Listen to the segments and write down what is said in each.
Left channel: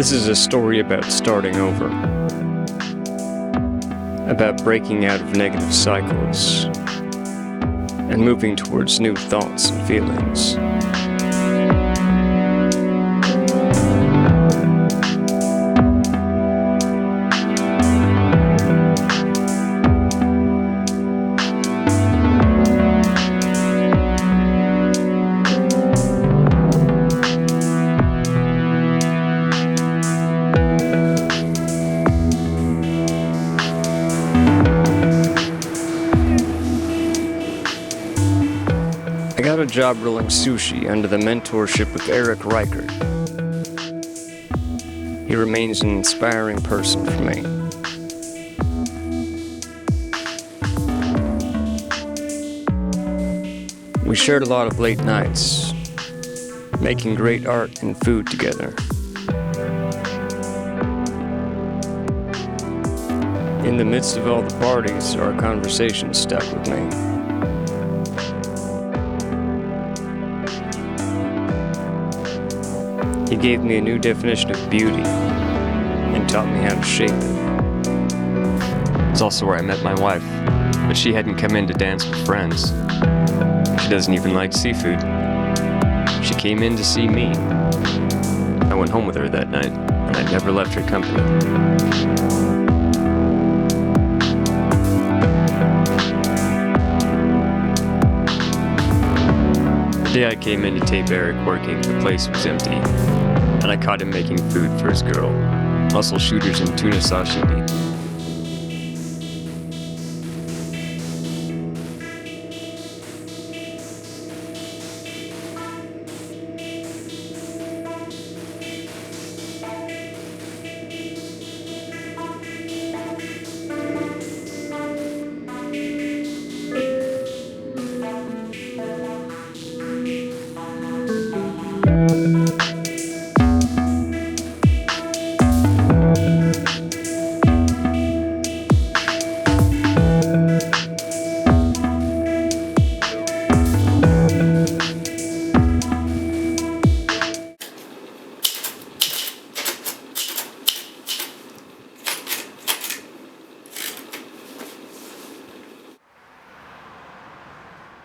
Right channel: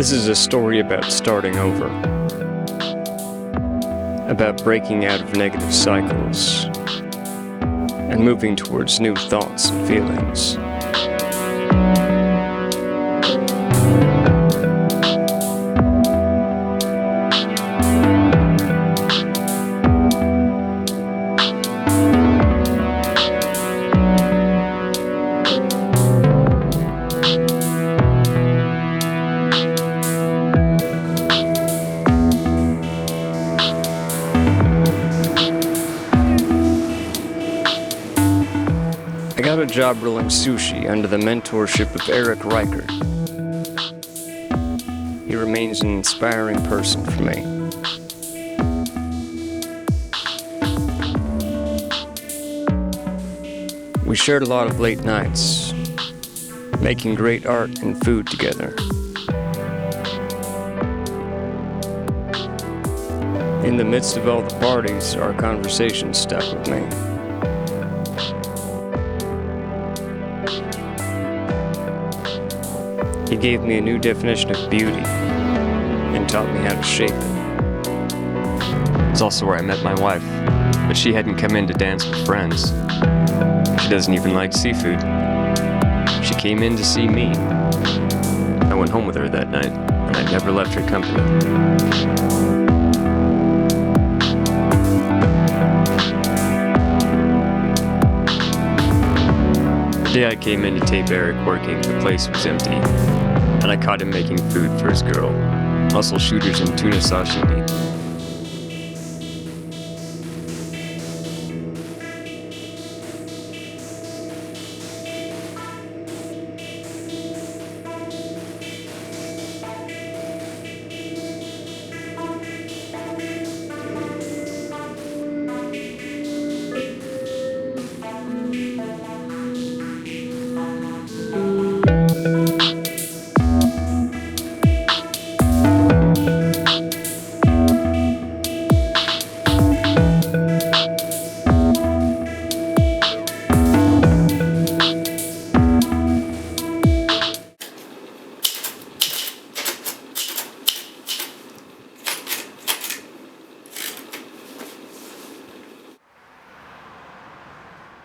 This is a story about starting over, about breaking out of negative cycles, and moving towards new thoughts and feelings. I got a job rolling sushi under the mentorship of Eric Reichert. He remains an inspiring person for me. We shared a lot of late nights, making great art and food together. In the midst of all the parties, our conversation stuck with me. He gave me a new definition of beauty and taught me how to shape it. It's also where I met my wife, but she hadn't come in to dance with friends. She doesn't even like seafood. She came in to see me. I went home with her that night, and I never left her company. The day I came in to tape Eric working, the place was empty, and I caught him making food for his girl, mussel shooters and tuna sashimi.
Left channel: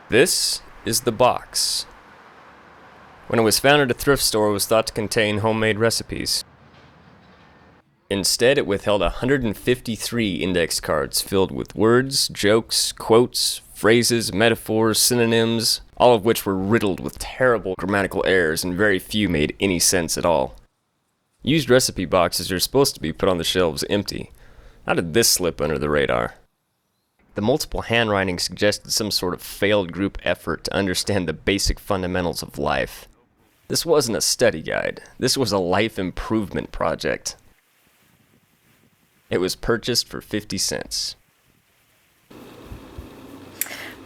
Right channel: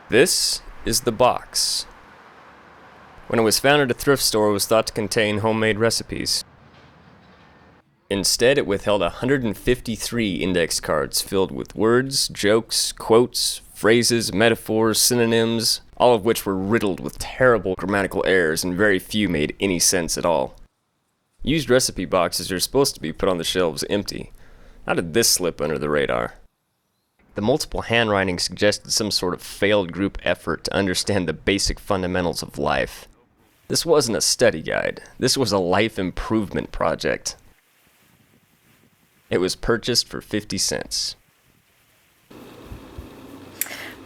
This is the box. When it was found at a thrift store, it was thought to contain homemade recipes. Instead, it withheld 153 index cards filled with words, jokes, quotes, phrases, metaphors, synonyms, all of which were riddled with terrible grammatical errors and very few made any sense at all. Used recipe boxes are supposed to be put on the shelves empty. How did this slip under the radar? The multiple handwriting suggested some sort of failed group effort to understand the basic fundamentals of life. This wasn't a study guide. This was a life improvement project. It was purchased for 50 cents.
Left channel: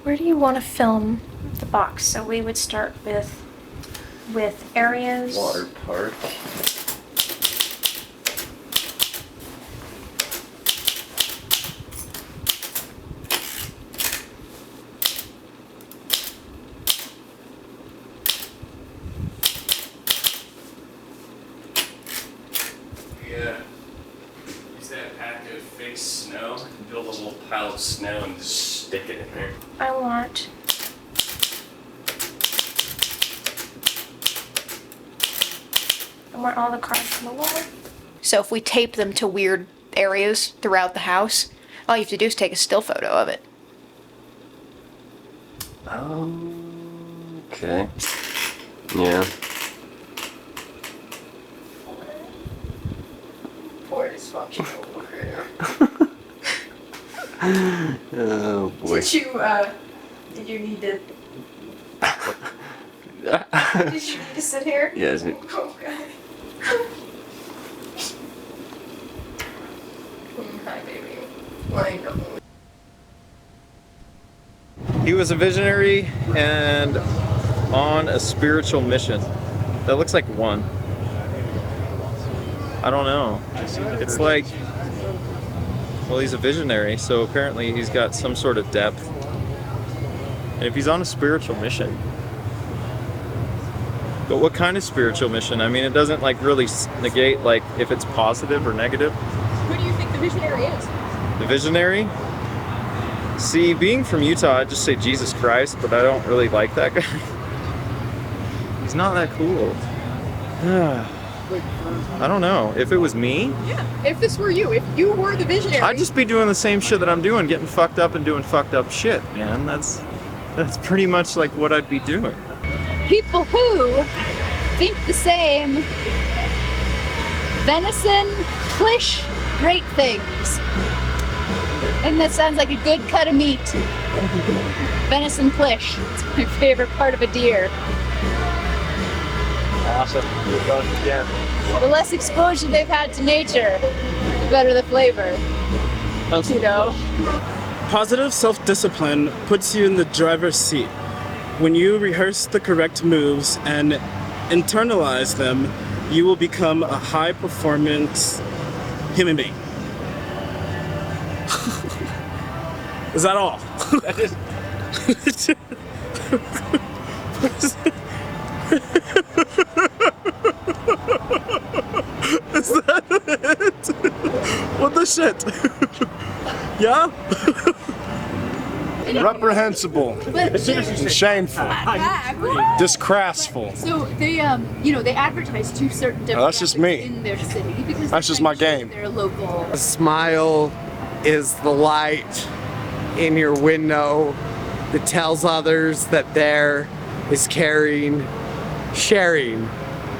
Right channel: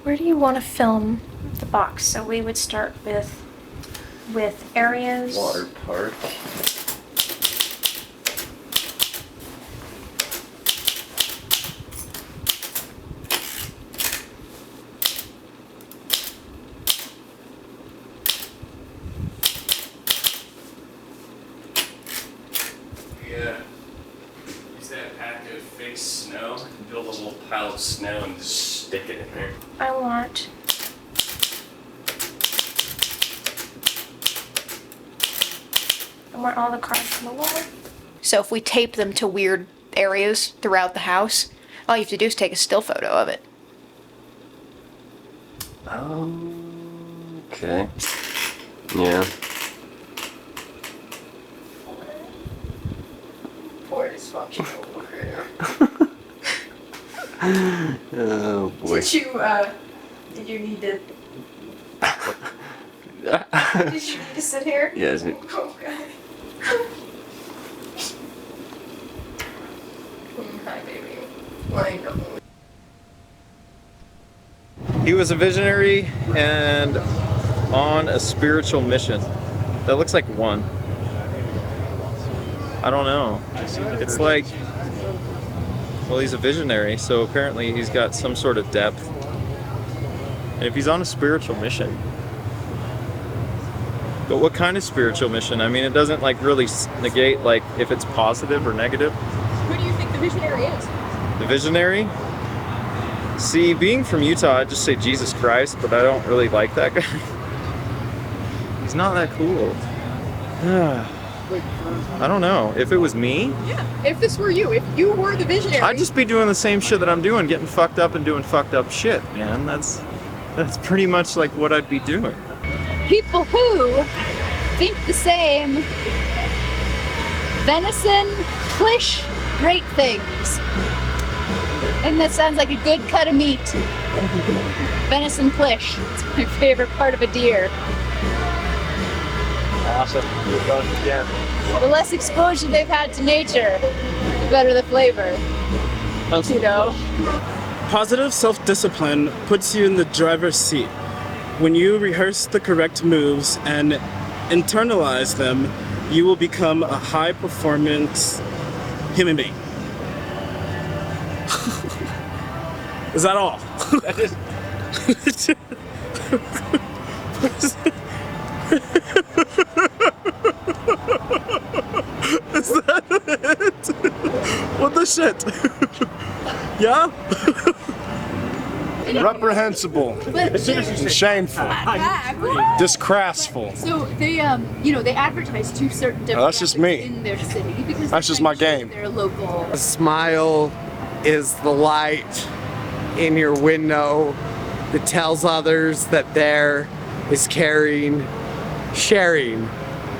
Where do you want to film the box? So we would start with areas. Water park. Use that pack of fake snow, build a little pile of snow and just stick it in there. I want all the cards on the wall. So if we tape them to weird areas throughout the house, all you have to do is take a still photo of it. Okay. Yeah. Poor dysfunctional warrior. Oh boy. Did you need to... Did you need to sit here? Yes. Oh, God. Hi, baby. I know. He was a visionary and on a spiritual mission. That looks like one. I don't know. It's like, well, he's a visionary, so apparently he's got some sort of depth. And if he's on a spiritual mission, But what kind of spiritual mission? I mean, it doesn't like really negate like if it's positive or negative. Who do you think the visionary is? The visionary? See, being from Utah, I'd just say Jesus Christ, but I don't really like that guy. He's not that cool. I don't know. If it was me, Yeah. If this were you, if you were the visionary. I'd just be doing the same shit that I'm doing, getting fucked up and doing fucked up shit, man. That's pretty much like what I'd be doing. People who think the same. Venison, plish, great things. And that sounds like a good cut of meat. Venison plish. It's my favorite part of a deer. Awesome. Yeah. The less exposure they've had to nature, the better the flavor. You know? Positive self-discipline puts you in the driver's seat. When you rehearse the correct moves and internalize them, you will become a high-performance human being. Is that all? Is that it? What the shit? Yeah? Reprehensible, shameful, disgraceful. So they, they advertise two certain demographics that's just me. in their city because That's just my game. They're local. A smile is the light in your window that tells others that there is sharing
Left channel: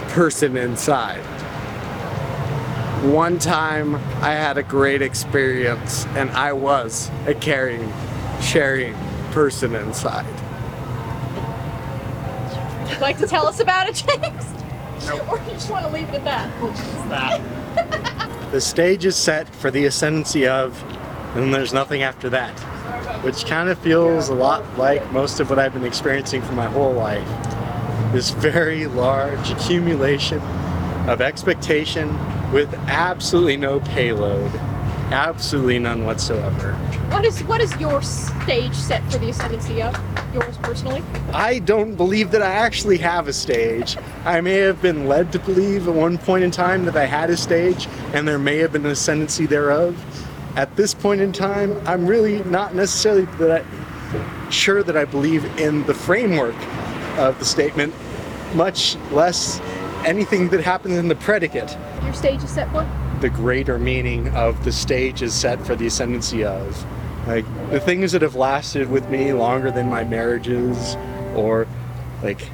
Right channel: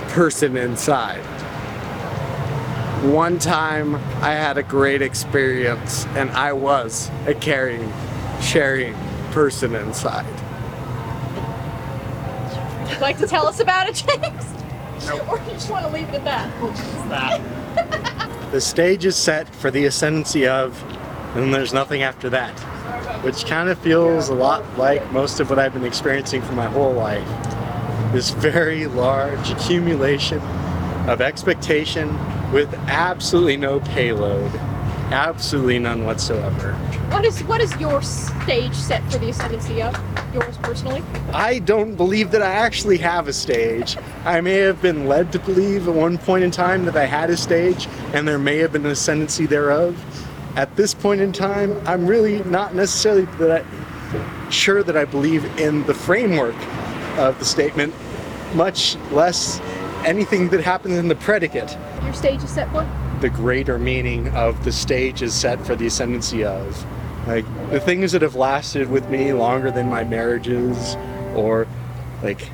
person inside. One time I had a great experience and I was a caring, sharing person inside. Would you like to tell us about it, James? Or you just want to leave it at that? The stage is set for the ascendancy of, and there's nothing after that, which kind of feels a lot like most of what I've been experiencing for my whole life. This very large accumulation of expectation with absolutely no payload, absolutely none whatsoever. What is your stage set for the ascendancy of? Yours personally? I don't believe that I actually have a stage. I may have been led to believe at one point in time that I had a stage, and there may have been an ascendancy thereof. At this point in time, I'm really not necessarily sure that I believe in the framework of the statement, much less anything that happens in the predicate. Your stage is set for? The greater meaning of the stage is set for the ascendancy of. Like, the things that have lasted with me longer than my marriages, or like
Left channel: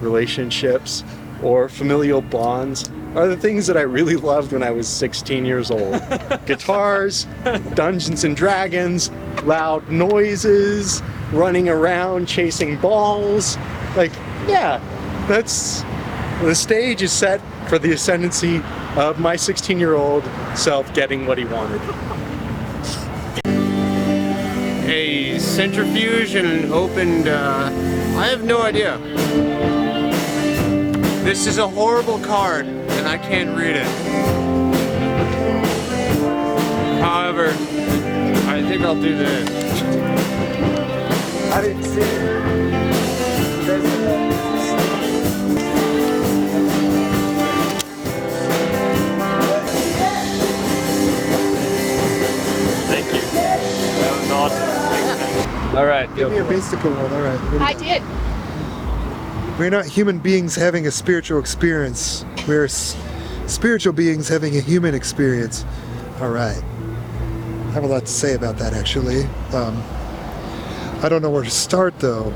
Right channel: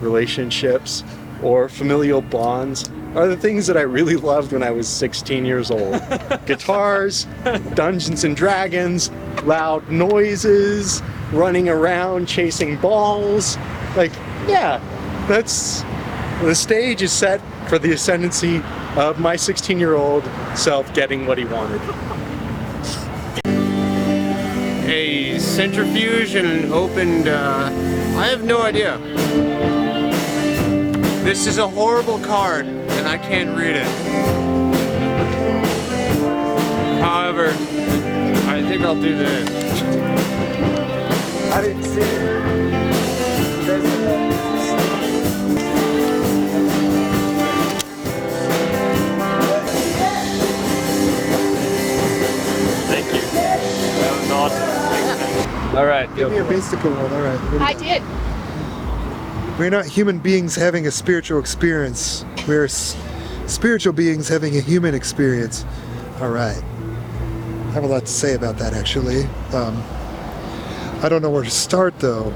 relationships, or familial bonds, are the things that I really loved when I was 16 years old. Guitars, Dungeons and Dragons, loud noises, running around chasing balls. Like, yeah, that's, the stage is set for the ascendancy of my 16-year-old self getting what he wanted. A centrifuge and opened, I have no idea. This is a horrible card, and I can't read it. However, I think I'll do this. I didn't see it. Thank you. That was awesome. All right. Give me a mystical one, all right. I did. We're not human beings having a spiritual experience. We're spiritual beings having a human experience. All right. I have a lot to say about that, actually. I don't know where to start, though.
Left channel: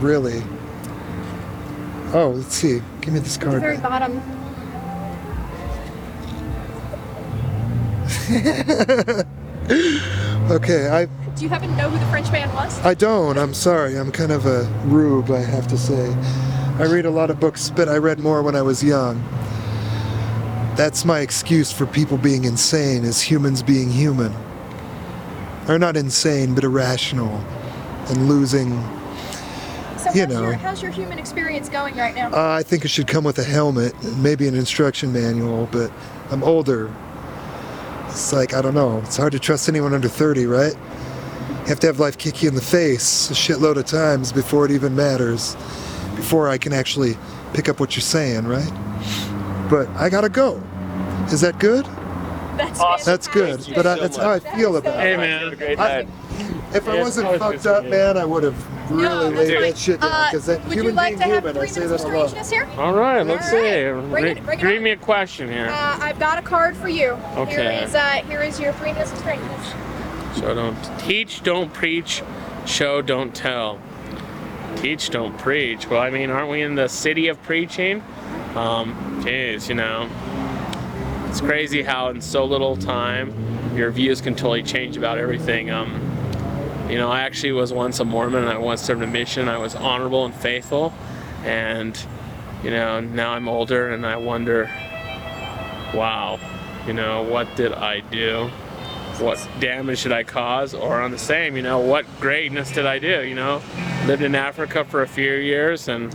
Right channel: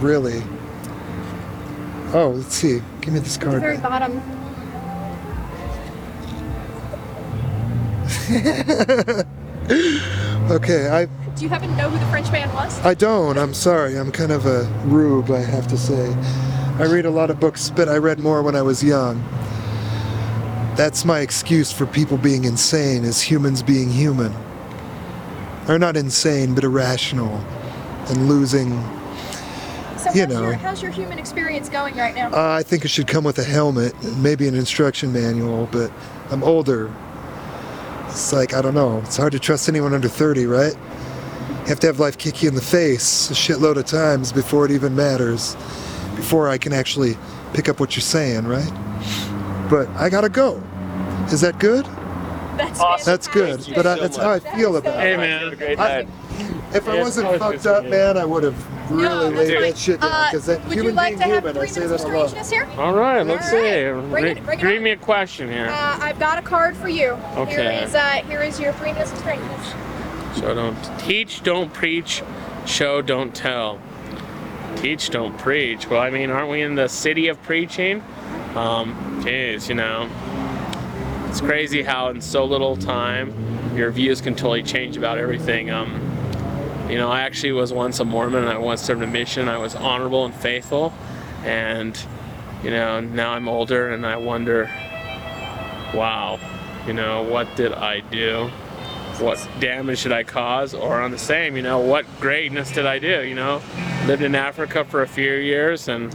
Really. Oh, let's see. Give me this At the card. very bottom. Okay, Do you happen to know who the French man was? I don't. I'm sorry. I'm kind of a rube, I have to say. I read a lot of books, but I read more when I was young. That's my excuse for people being insane, is humans being human. Or not insane, but irrational. And losing, So you know. how's your human experience going right now? I think it should come with a helmet, and maybe an instruction manual, but I'm older. It's like, I don't know. It's hard to trust anyone under 30, right? You have to have life kick you in the face a shitload of times before it even matters. Before I can actually pick up what you're saying, right? But I gotta go. Is that good? That's good. But that's how I feel about it. Hey, man. If I wasn't fucked up, man, I would have really laid that shit down. Because that Would you human like being to have human, 3 I say minutes that of a lot. strangeness here? All right, let's All right. see. Bring it Read on. me a question here. I've got a card for you. Okay. Here is your 3 minutes of strangeness. So don't teach, don't preach, show, don't tell. Teach, don't preach. Well, I mean, aren't we in the city of preaching? Geez, you know, it's crazy how in so little time your views can totally change about everything. You know, I actually was once a Mormon, and I once served a mission. I was honorable and faithful, and you know, now I'm older, and I wonder, wow, you know, what did I do? What damage did I cause? Or on the same, you know, what greatness did I do? You know, lived in Africa for a few years, and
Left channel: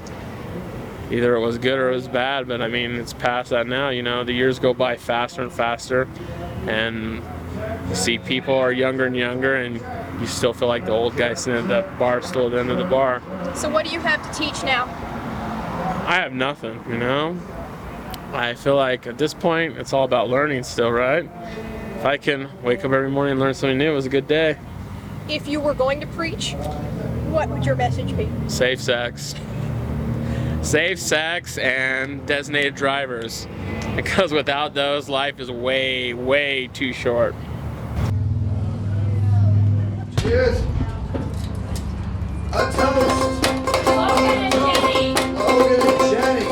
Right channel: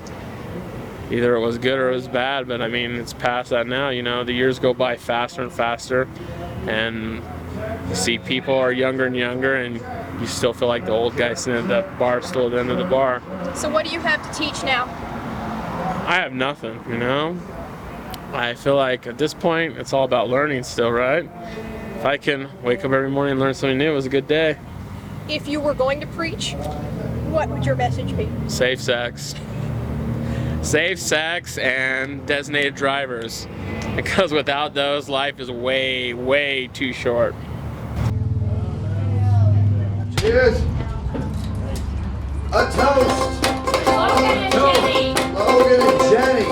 either it was good or it was bad, but I mean, it's past that now. You know, the years go by faster and faster, and you see people are younger and younger, and you still feel like the old guy sitting at the bar stool at the end of the bar. So what do you have to teach now? I have nothing, you know? I feel like at this point, it's all about learning still, right? If I can wake up every morning and learn something new, it was a good day. If you were going to preach, what would your message be? Safe sex. Safe sex and designated drivers. Because without those, life is way, way too short. Cheers. A toast. Logan and Jenny. Logan and Jenny.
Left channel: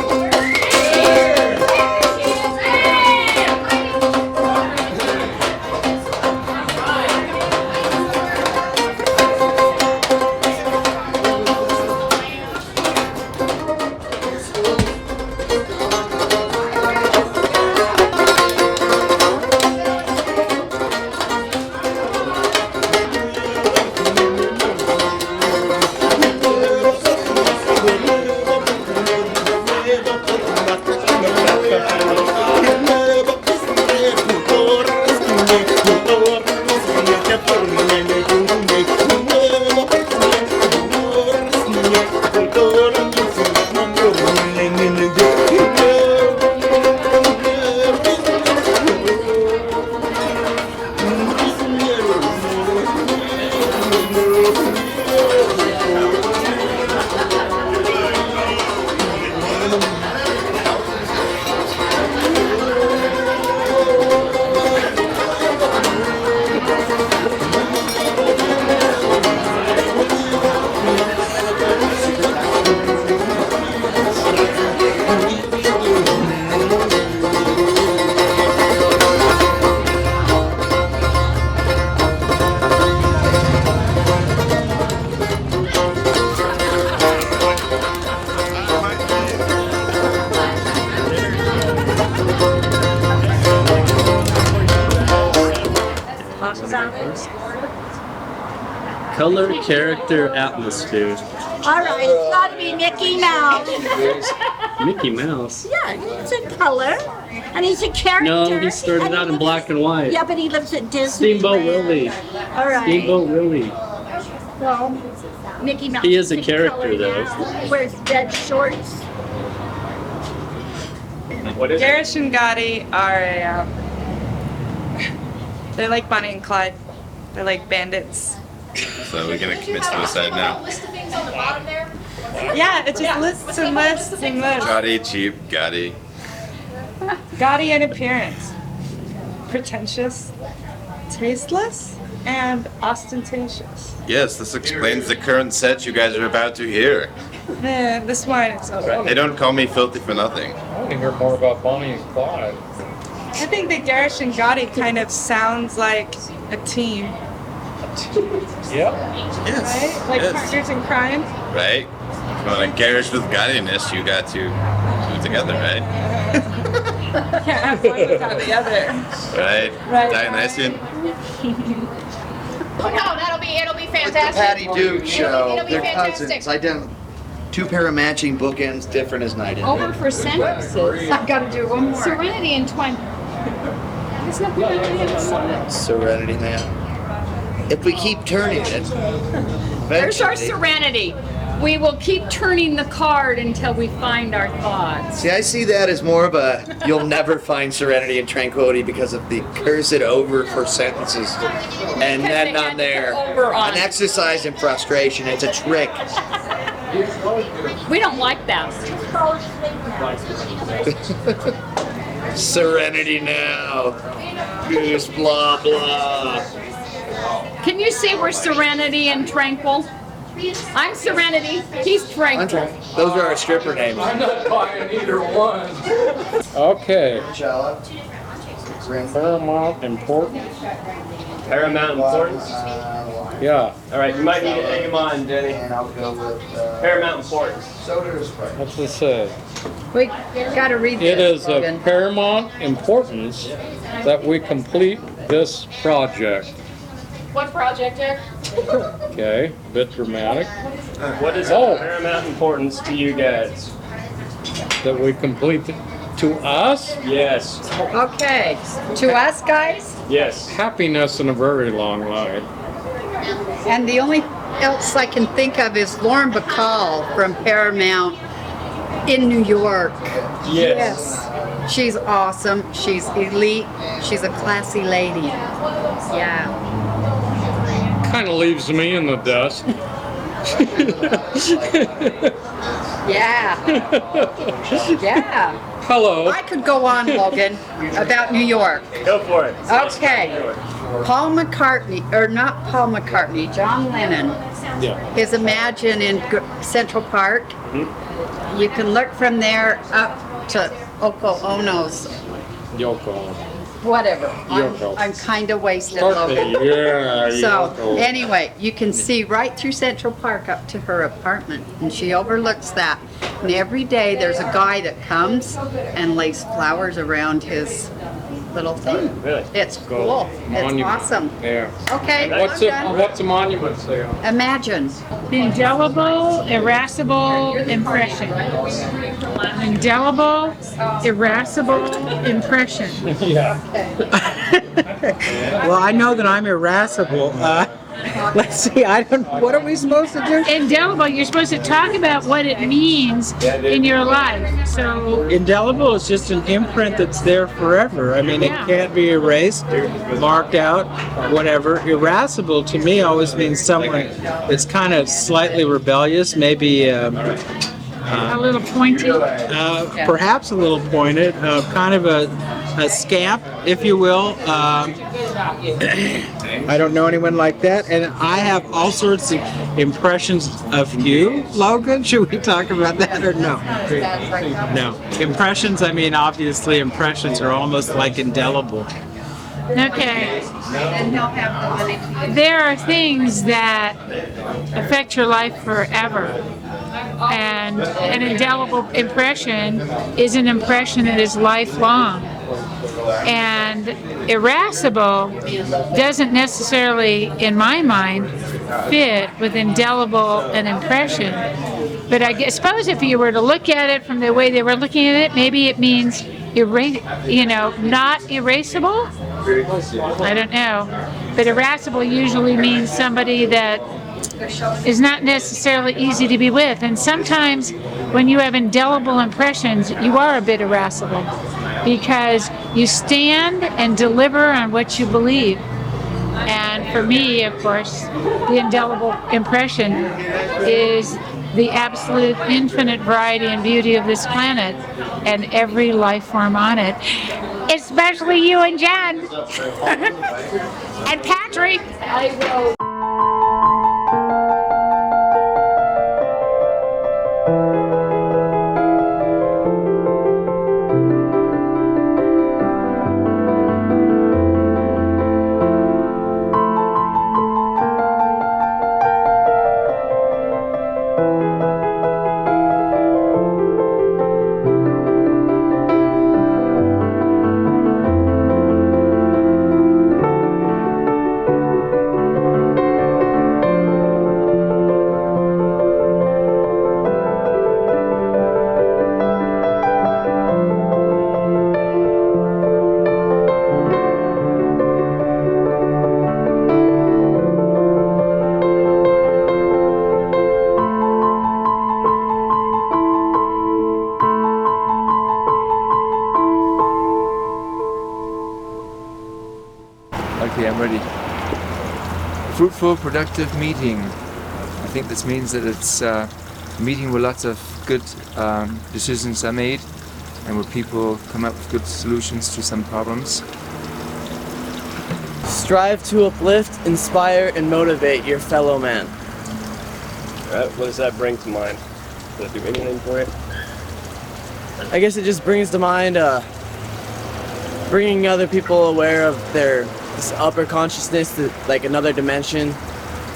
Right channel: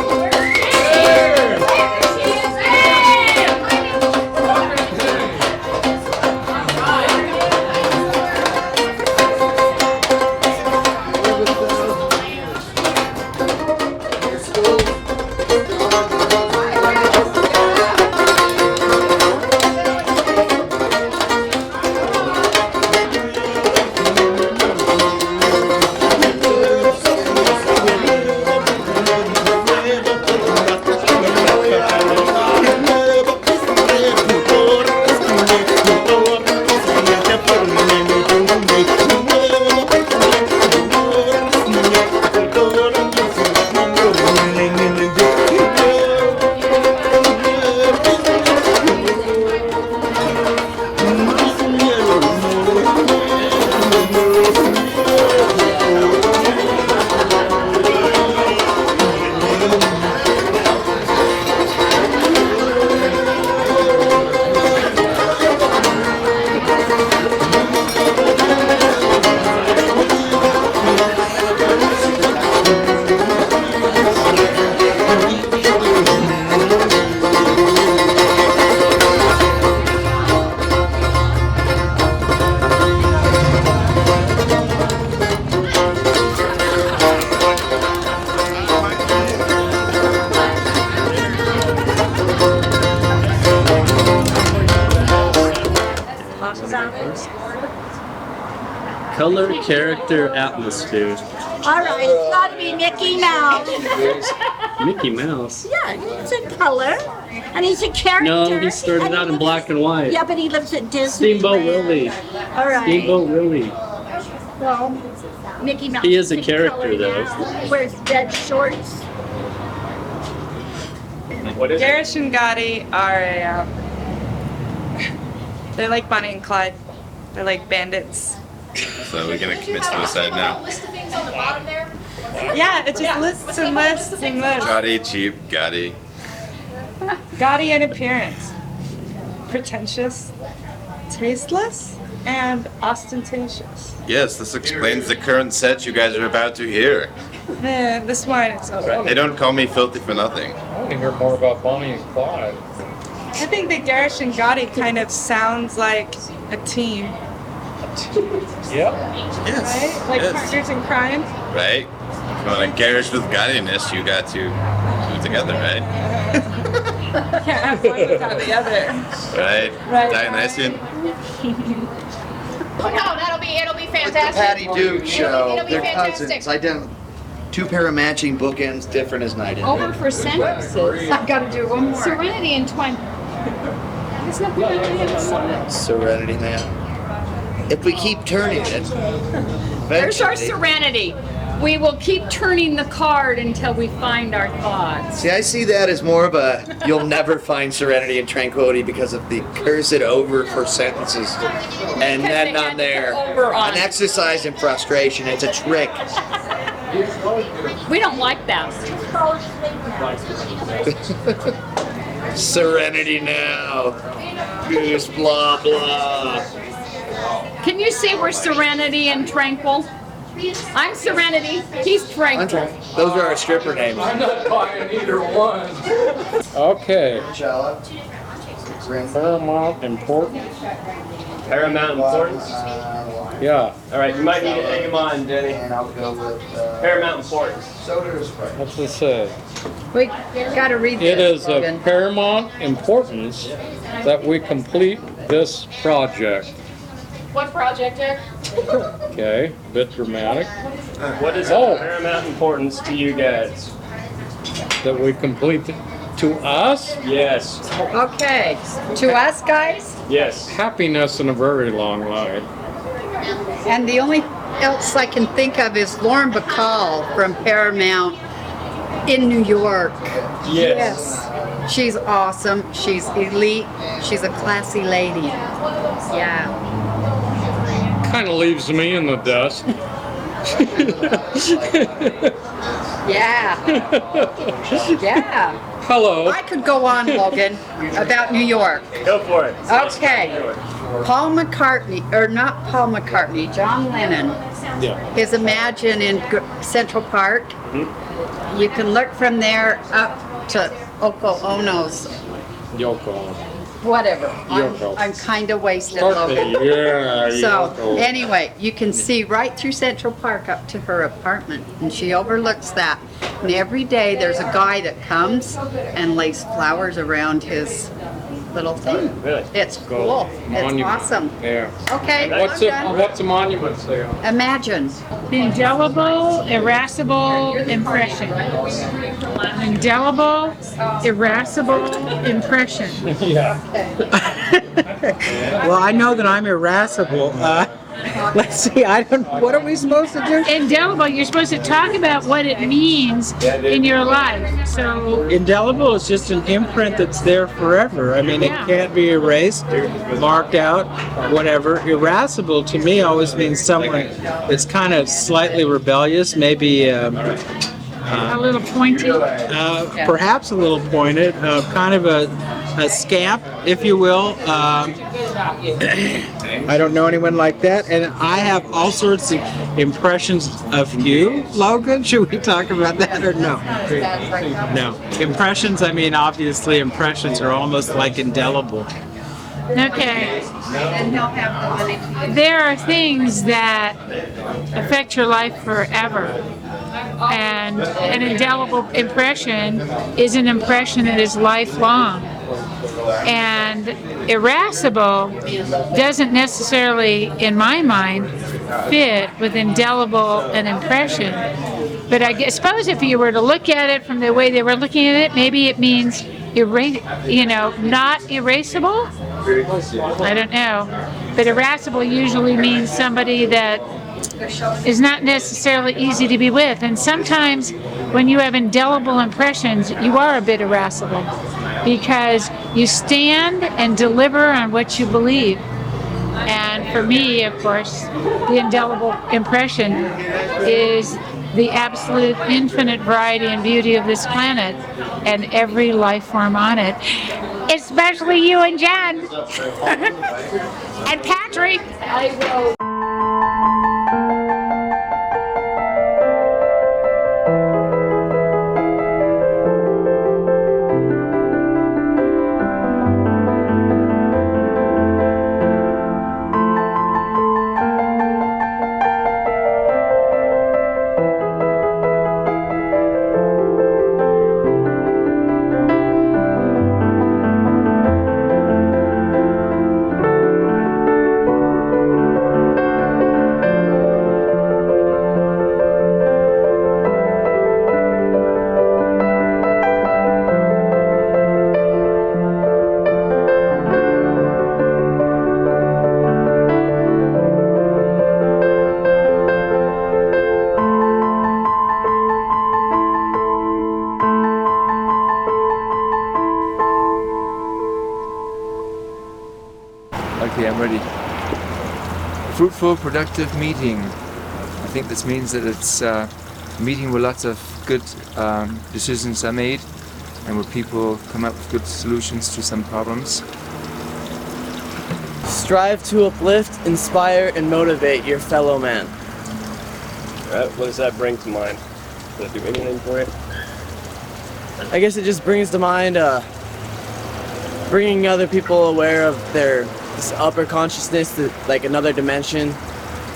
Color, character, atmosphere. All right, it's got to be Mickey Mouse. Mickey Mouse? Yeah, he's a color, and he's a character. No, he started out in black and white. Yeah, but he lives at Disney. Steamboat Willie. All right. Steamboat Willie. Well, Mickey Mouse. He is a in character, color though. now. Wears red shorts. Darish and Gotti are they're like Bonnie and Clyde. They're like bandits. So we're gonna commit suicide now. List of things on the bottom there? Yeah, it's just lists and lists and lists. Gotti, cheap, Gotti. Gaudy in appearance, pretentious, tasteless, and ostentatious. Yes, this explains the current set you guys are about to hear. Man, this wine is so good. They don't call me filthy for nothing. I want to hear more about Bonnie and Clyde. I think that Darish and Gotti kind of sounds like a team. Yep. Yes. Right? Like yes. partners in crime. Right? If you want to garish with Gottiness, you got to do it together, right? Can't have one without the other. Right? Right. Dionysian? Oh no, it'll be fantastic. Patty Duke show. It'll be They're fantastic. cousins. Two pair of matching bookends, different as night and Over day. for sentences. I've got to do one more. Serenity and Twine. There's nothing to do. Serenity, man. If we keep turning it, There's our eventually, serenity. We will keep turning the card until we find our thoughts. See, I see that as more of a you'll never find serenity and tranquility because of the cursed over for sentences. And then on there, an exercise in frustration. It's a trick. We don't like that. Serenity now. Goose blah blah. Can you say we're serenity and tranquil? I'm serenity. He's tranquil. Those are our stripper names. I'm not buying either one. Okay. Paramount importance. Paramount importance? Yeah. All right, you might need to hang him on, Denny. And I'll go with Paramount importance. soda or Sprite. What's it say? We gotta read this. It is of Logan. paramount importance that we complete this project. What project, Eric? Okay, bit dramatic. What is of paramount importance to you guys? That we complete to us? Yes. Okay, to us guys, Yes. Happiness and a very long life. and the only else I can think of is Lauren Bacall from Paramount in New York. Yes. She's awesome. She's elite. She's a classy lady. Yeah. Kind of leaves me in the dust. Yeah. Yeah. Hello. I could go on, Logan, about New York. Go for it. Okay. Paul McCartney, or not Paul McCartney, John Lennon, Yeah. is Imagine in Central Park. You can look from there up to Oko Ono's, Yoko. whatever. Yoko. I'm kind of wasted, Okay, Logan. yeah, So Yoko. anyway, you can see right through Central Park up to her apartment, and she overlooks that. And every day there's a guy that comes and lays flowers around his little thing. Really? It's cool. It's Monument. awesome. Yeah. Okay, What's I'm it? done. What's the monument say? Imagine. Indelible, irascible impression. Indelible, irascible impression. Yeah. Well, I know that I'm irascible. Let's see. I don't. What are we supposed to do? Indelible, you're supposed to talk about what it means in your life. So, Indelible is just an imprint that's there forever. I mean, it can't be erased, marked out, whatever. Irascible to me always means someone that's kind of slightly rebellious, maybe. a little pointy. Perhaps a little pointed, kind of a scamp, if you will. I don't know anyone like that, and I have all sorts of impressions of you, Logan. Should we talk about that or no? No. Impressions, I mean, obviously impressions are almost like indelible. Okay. There are things that affect your life forever. And an indelible impression is an impression that is lifelong. And irascible doesn't necessarily, in my mind, fit with indelible an impression. But I suppose if you were to look at it from the way they were looking at it, maybe it means not erasable. I don't know. But irascible usually means somebody that is not necessarily easy to be with. And sometimes when you have indelible impressions, you are a bit irascible because you stand and deliver on what you believe. And for me, of course, the indelible impression is the absolute infinite variety and beauty of this planet and every life form on it. Especially you and Jen. And Patrick. I will. I'm ready. Fruitful, productive meeting. I think this means that it's a meeting where lots of good decisions are made and where people come up with good solutions to some problems. Strive to uplift, inspire, and motivate your fellow man. What does that bring to mind? Does that do anything for it? I guess it just brings to mind bringing other people aware of this upper consciousness, like another dimension.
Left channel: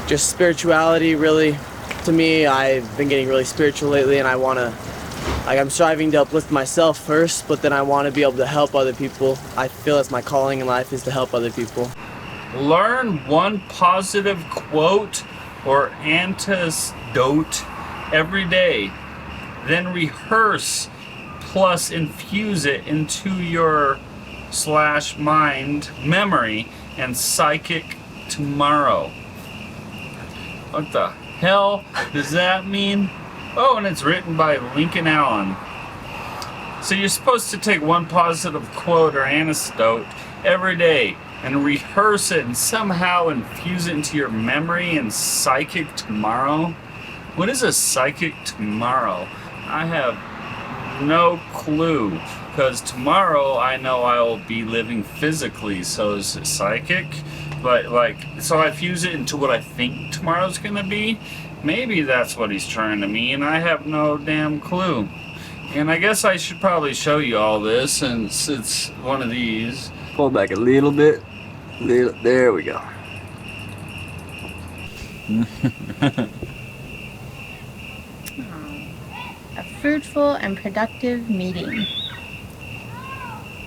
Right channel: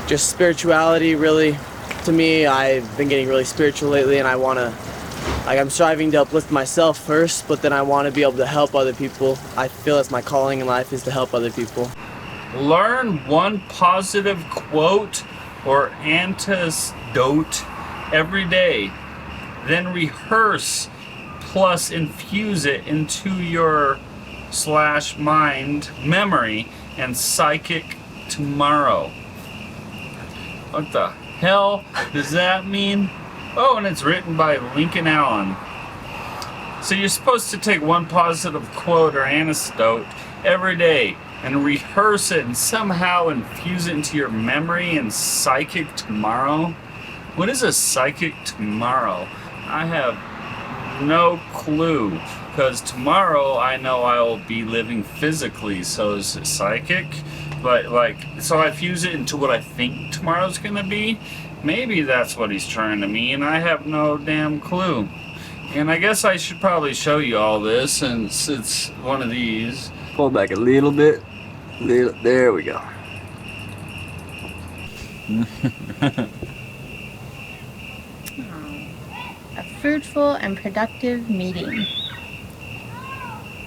Just spirituality, really. To me, I've been getting really spiritual lately, and I'm striving to uplift myself first, but then I want to be able to help other people. I feel that's my calling in life, is to help other people. Learn one positive quote or anecdote every day. Then rehearse plus infuse it into your /mind memory and psychic tomorrow. What the hell does that mean? Oh, and it's written by Lincoln Allen. So you're supposed to take one positive quote or anecdote every day and rehearse it and somehow infuse it into your memory and psychic tomorrow. What is a psychic tomorrow? I have no clue, because tomorrow I know I will be living physically, so is it psychic? But so I fuse it into what I think tomorrow's gonna be. Maybe that's what he's trying to mean. I have no damn clue. And I guess I should probably show you all this, since it's one of these. Pull back a little bit. There we go. A fruitful and productive meeting.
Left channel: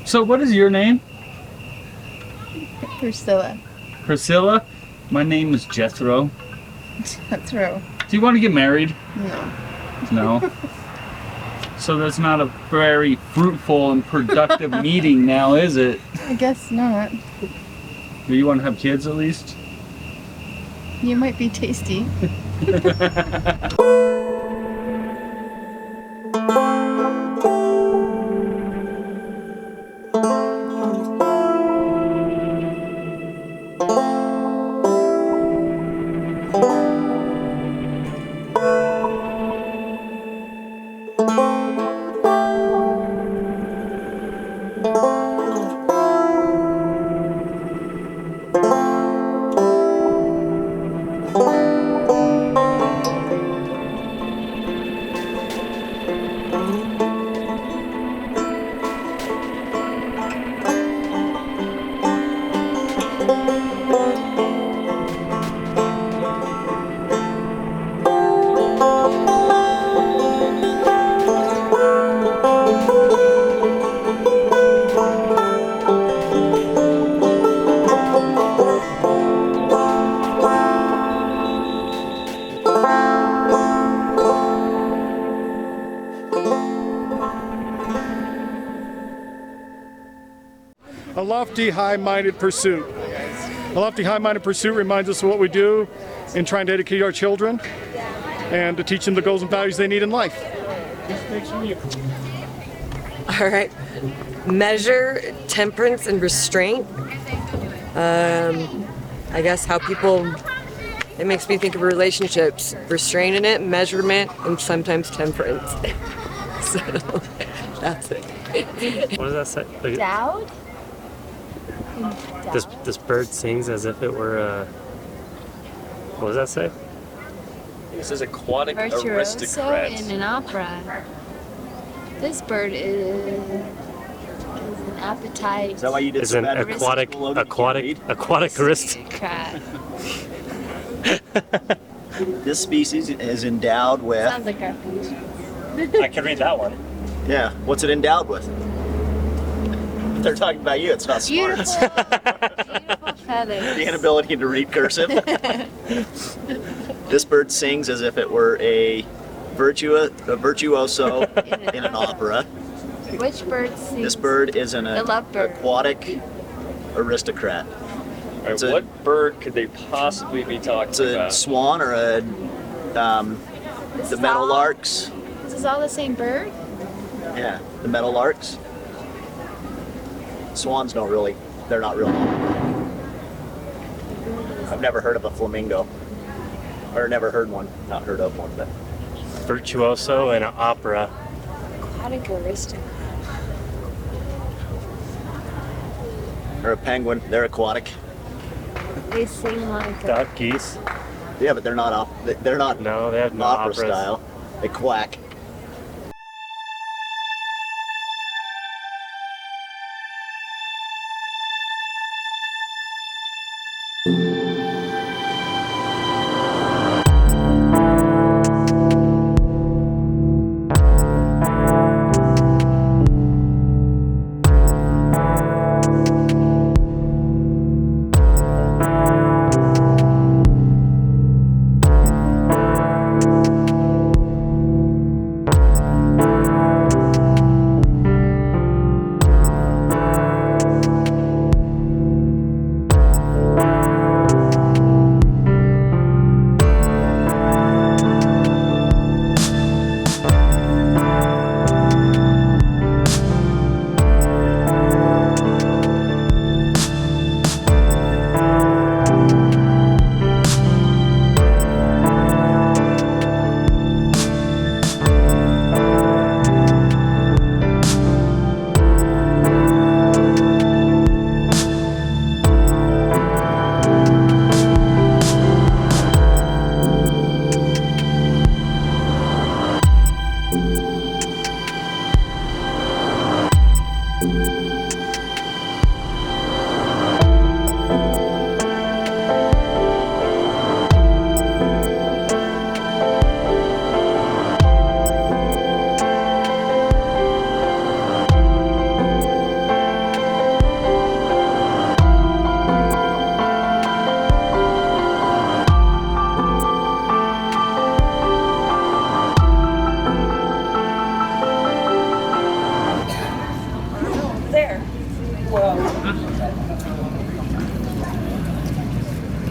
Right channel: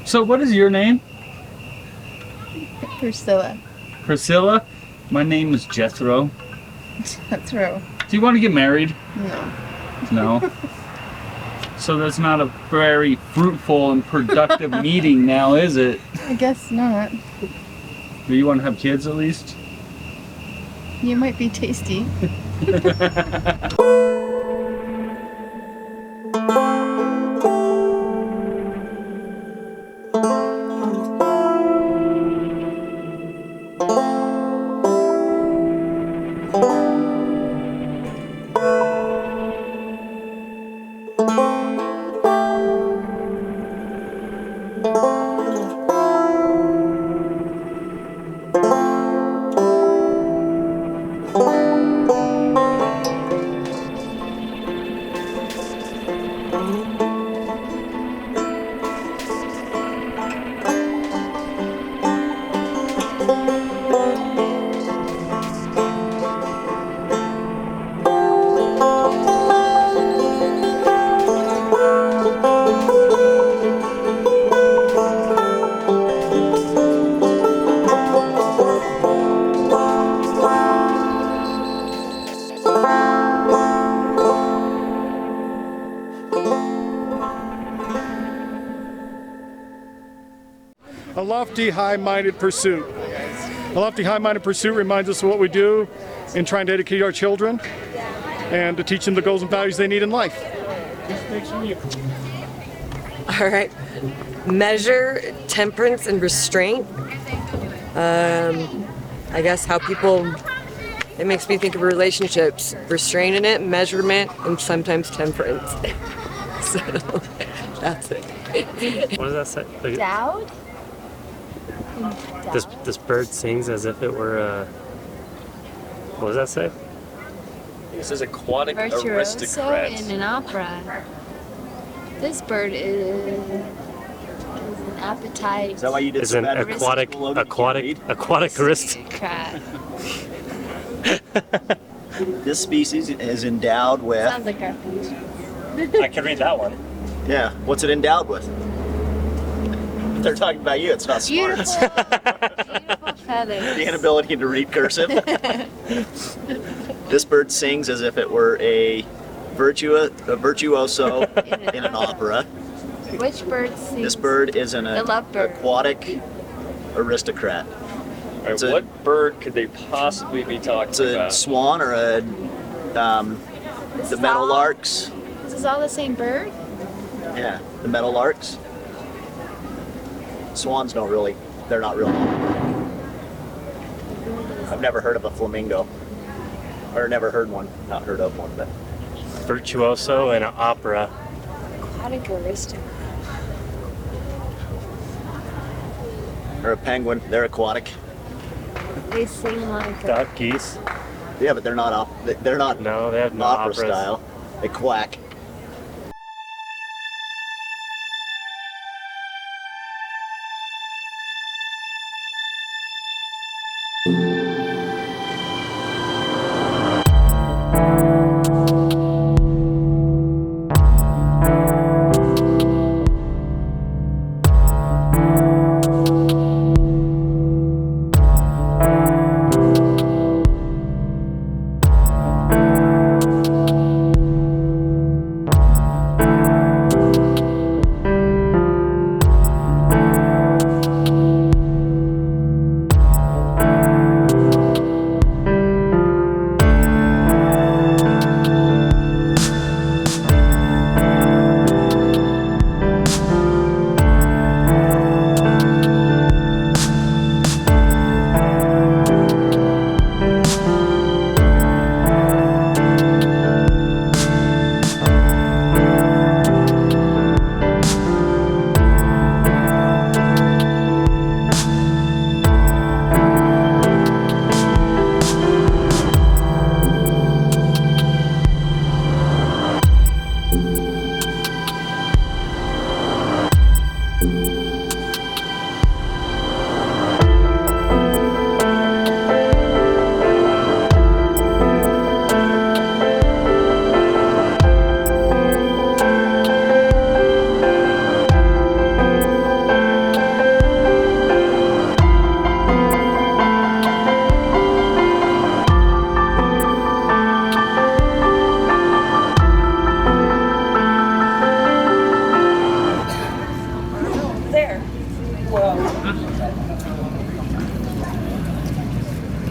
So what is your name? Priscilla. Priscilla? My name is Jethro. Jethro. Do you want to get married? No. No. So that's not a very fruitful and productive meeting now, is it? I guess not. Do you want to have kids at least? You might be tasty. A lofty, high-minded pursuit. A lofty, high-minded pursuit reminds us of what we do in trying to educate our children and to teach them the goals and values they need in life. All right. Measure, temperance, and restraint. I guess how people, it makes me think of relationships. Restraint in it, measurement, and sometimes temperance. So, that's it. What does that say? Dowd? This bird sings as if it were a... What does that say? It says aquatic Virtuoso aristocrat. in an opera. This bird is an appetite. Is that why you did Is an aquatic aristocrat. This species is endowed with... Sounds like our I can read that one. Yeah, what's it endowed with? If they're talking about you, it's not smart. beautiful feathers. The inability to read cursive. This bird sings as if it were a virtuoso in an opera. Which bird sings? This bird is an The lovebird. aquatic aristocrat. Alright, what bird could they possibly be talking It's a about? swan or a the meadowlarks. This is all the same bird? Yeah, the meadowlarks. Swans don't really, they're not real. I've never heard of a flamingo. Or never heard one. Not heard of one, but. Virtuoso and an opera. Aquatic aristocrat. Or a penguin. They're aquatic. They sing like Duck, geese. Yeah, but they're not they're not No, they have no opera operas. style. They quack.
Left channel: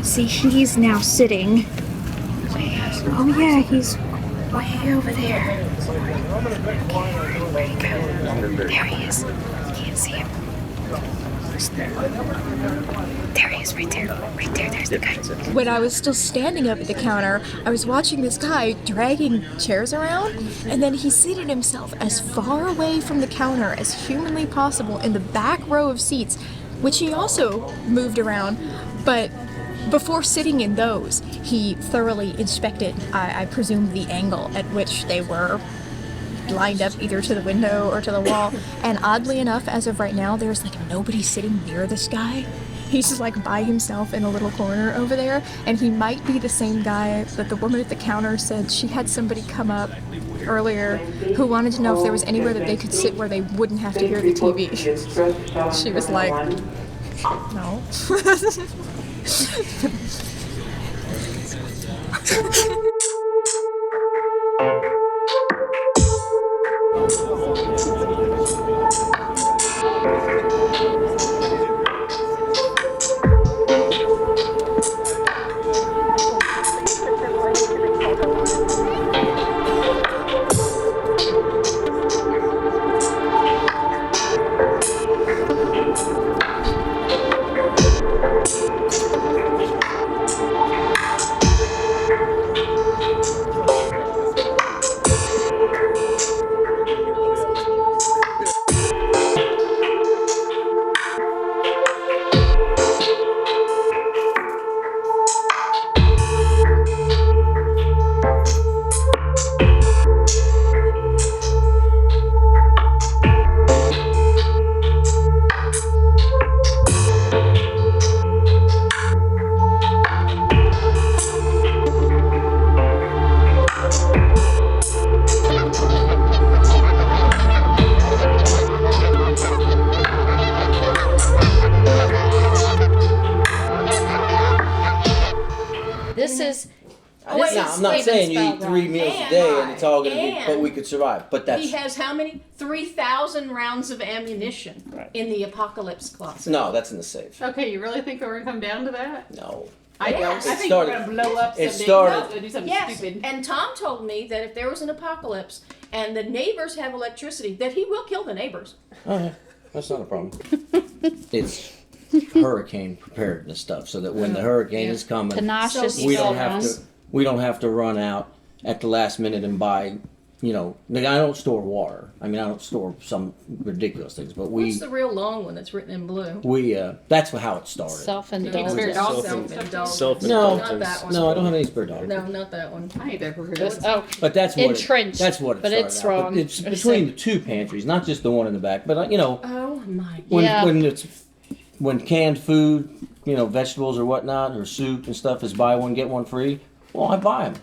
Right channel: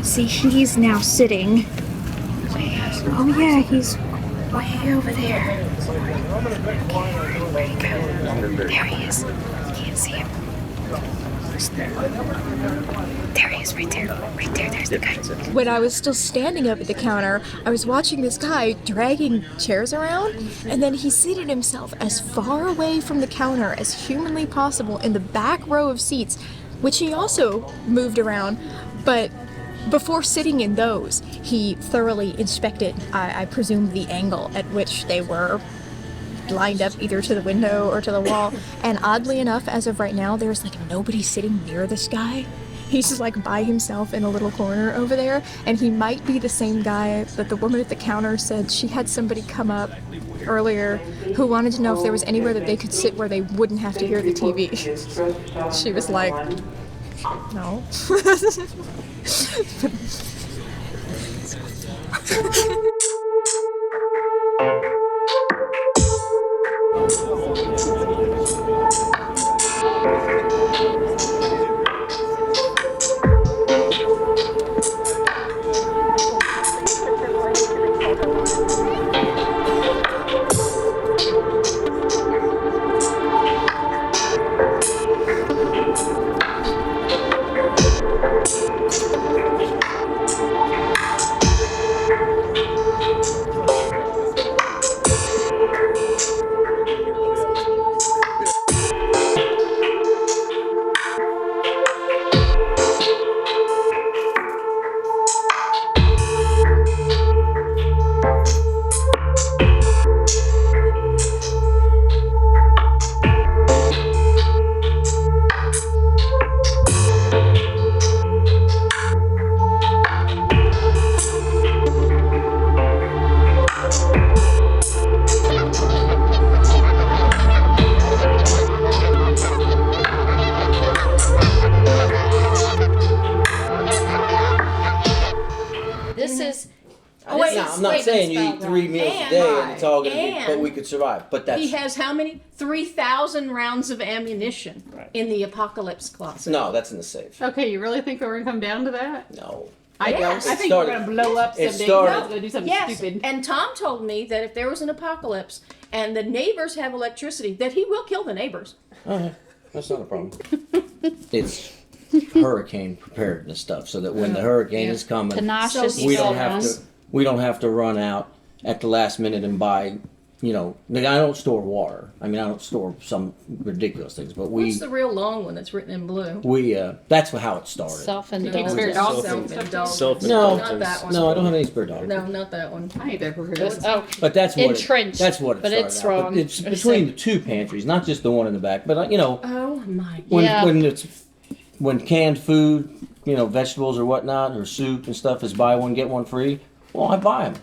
See, he's now sitting. Oh yeah, he's way over there. Where'd he go? There he is. Can't see him. There he is, right there. Right there, there's the guy. When I was still standing up at the counter, I was watching this guy dragging chairs around, and then he seated himself as far away from the counter as humanly possible in the back row of seats, which he also moved around, but before sitting in those, he thoroughly inspected, I presume, the angle at which they were lined up either to the window or to the wall. And oddly enough, as of right now, there's like nobody sitting near this guy. He's just like by himself in a little corner over there, and he might be the same guy that the woman at the counter said she had somebody come up earlier who wanted to know if there was anywhere that they could sit where they wouldn't have to hear the TV. She was like, no. I'm not saying you eat 3 meals a day and it's all going to be, but we could survive. But that's He has how many? 3,000 rounds of ammunition in the apocalypse closet. no, that's in the safe. Okay, you really think we're gonna come down to that? No. I don't. Yes. I think we're gonna blow up It someday. started- We're gonna do something Yes, stupid. and Tom told me that if there was an apocalypse and the neighbors have electricity, that he will kill the neighbors. Oh, yeah. That's not a problem. It's hurricane preparedness stuff, so that when the hurricane is coming, Tenacious we don't have fellas. to run out at the last minute and buy. You know, I don't store water. I mean, I don't store some ridiculous things, but What's the real long one that's written in blue? that's how it started. Self-indulgence. Self-indulgence. No, Not that one. no, I don't have any spare dog. No, not that one. I ain't ever heard of it. Oh, But that's what entrenched. that's what it but started it's out. wrong. But it's between the two pantries, not just the one in the back. But Oh my when canned food, vegetables or whatnot, or soup and stuff is buy one get one free. Well, I buy them,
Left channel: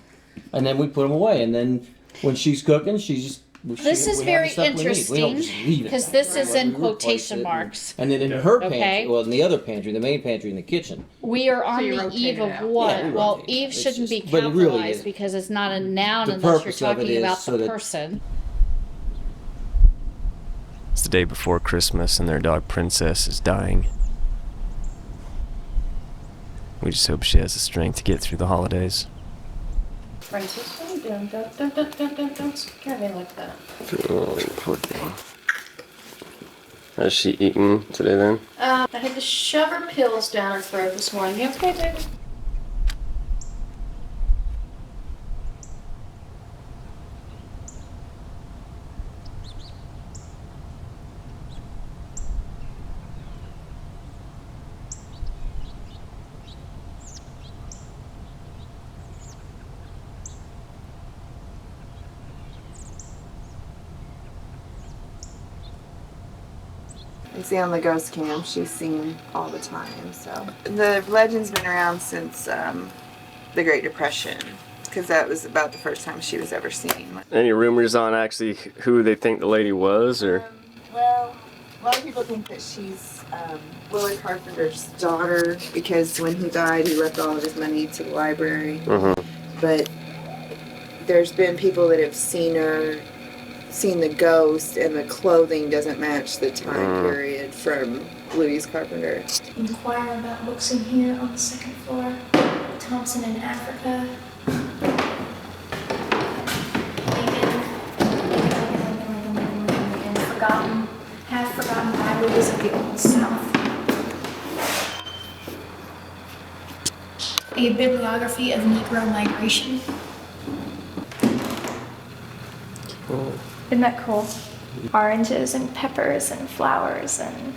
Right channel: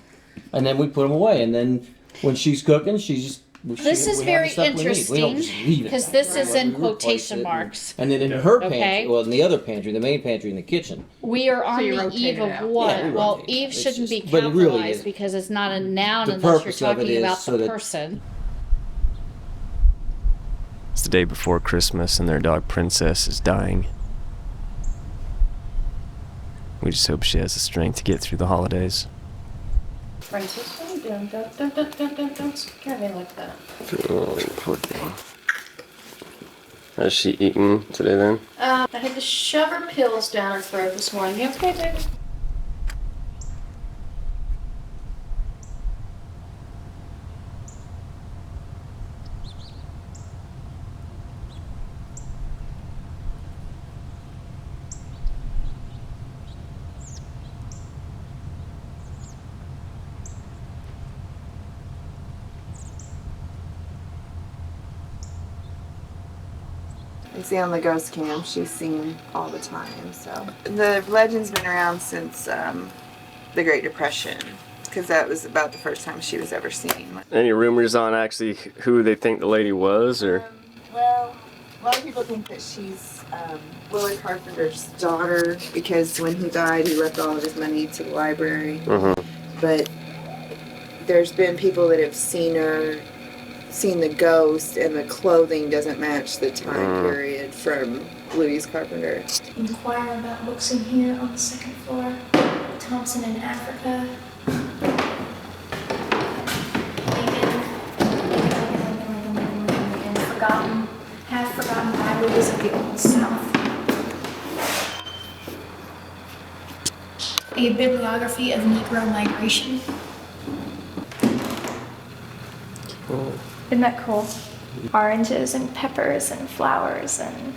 and then we put them away. And then when she's cooking, This is very interesting because this is in quotation marks. And then in her Okay. pantry, well, in the other pantry, the main pantry in the kitchen. We are on you the rotate eve it of out. what? Yeah, we Well, rotate it. Eve It's shouldn't be just- but it really capitalized is. because it's not a noun The unless you're purpose of it talking is about so the that- person. It's the day before Christmas and their dog Princess is dying. We just hope she has the strength to get through the holidays. Francis, what are you doing? Don't scare me like that. Oh, poor thing. Has she eaten today then? I had to shove her pills down her throat this morning. You okay, David? You see on the ghost cam, she's seen all the time. So the legend's been around since the Great Depression, because that was about the first time she was ever seen. Any rumors on actually who they think the lady was, or? Well, a lot of people think that she's Willie Carpenter's daughter, because when he died, he left all of his money to the library. But there's been people that have seen her, seen the ghost, and the clothing doesn't match the time period from Louis Carpenter. Inquire about books in here on the second floor. Thompson in Africa. Lincoln. Forgotten, half-forgotten highways of the Old South. A bibliography of Negro migration. Isn't that cool? Oranges and peppers and flowers and...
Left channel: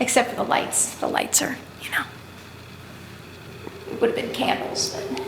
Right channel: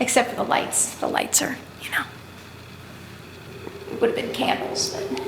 Except for the lights. The lights are, it would have been candles, but...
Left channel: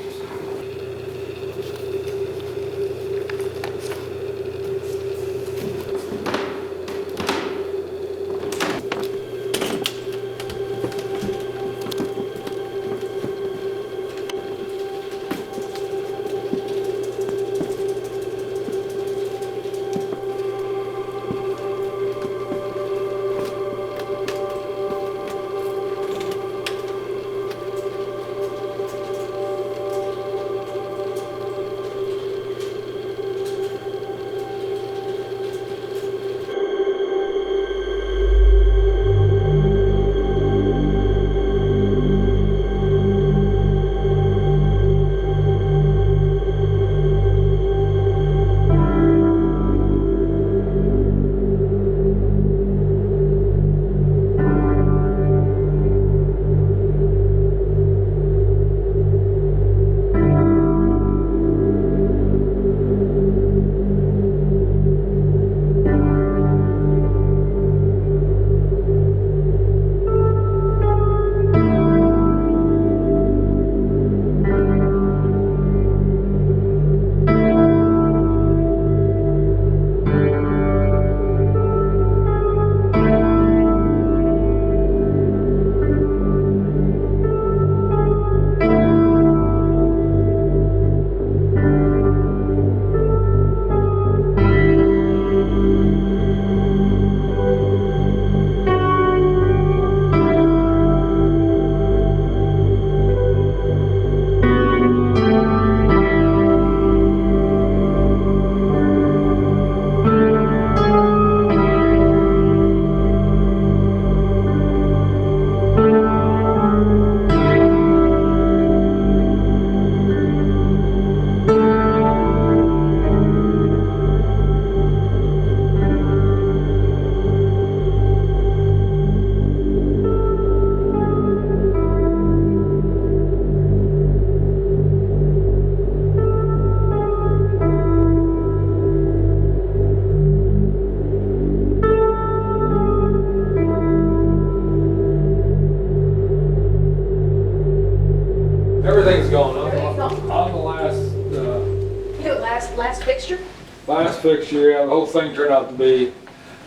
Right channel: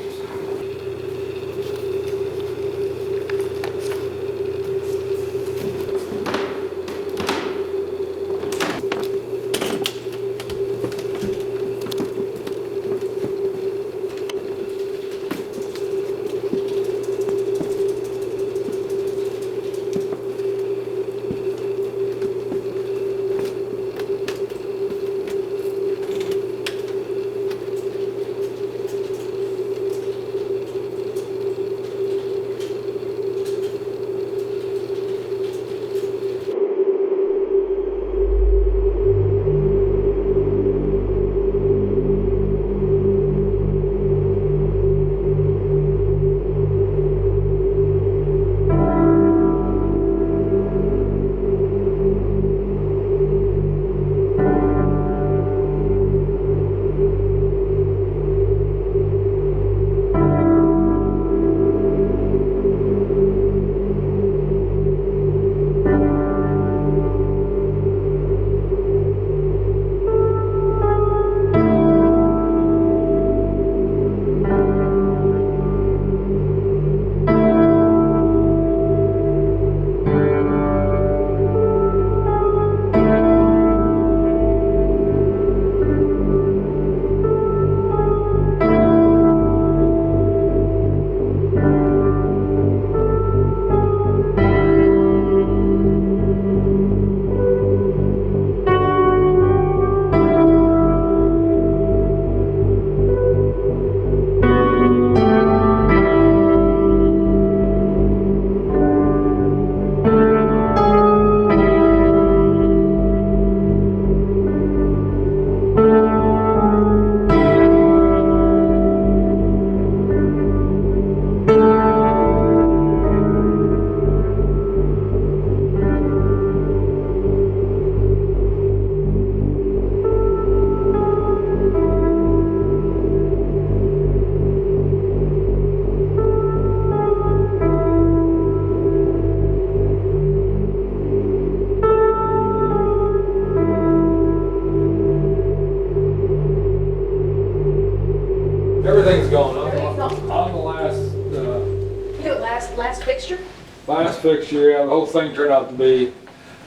fixture, yeah, the whole thing turned out to be,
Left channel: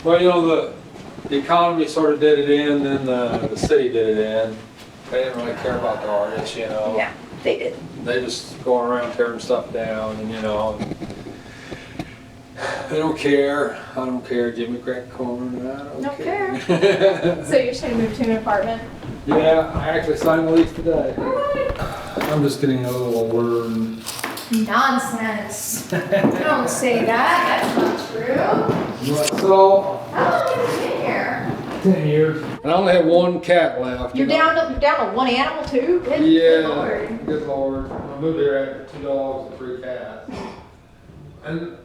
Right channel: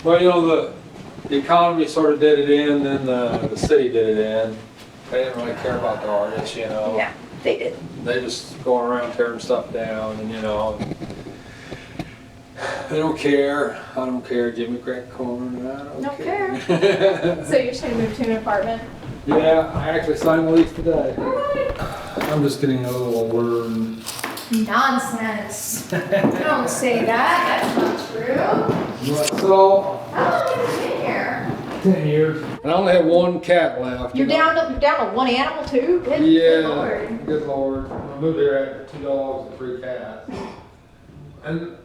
well, you know, the economy sort of did it in, then the city did it in. They didn't really care about the artists, you know. Yeah, they did. They just going around tearing stuff down, and you know, they don't care. I don't care. Jimmy crack corn. I don't care. So you're saying move to an apartment? Yeah, I actually signed the lease today. I'm just getting a little older. And Nonsense. Don't say that. That's not true. so, How long have you been here? 10 years. And I only have one cat left. You're you know. down to one animal too? Good Yeah, Lord. good Lord. I moved here after 2 dogs and 3 cats. And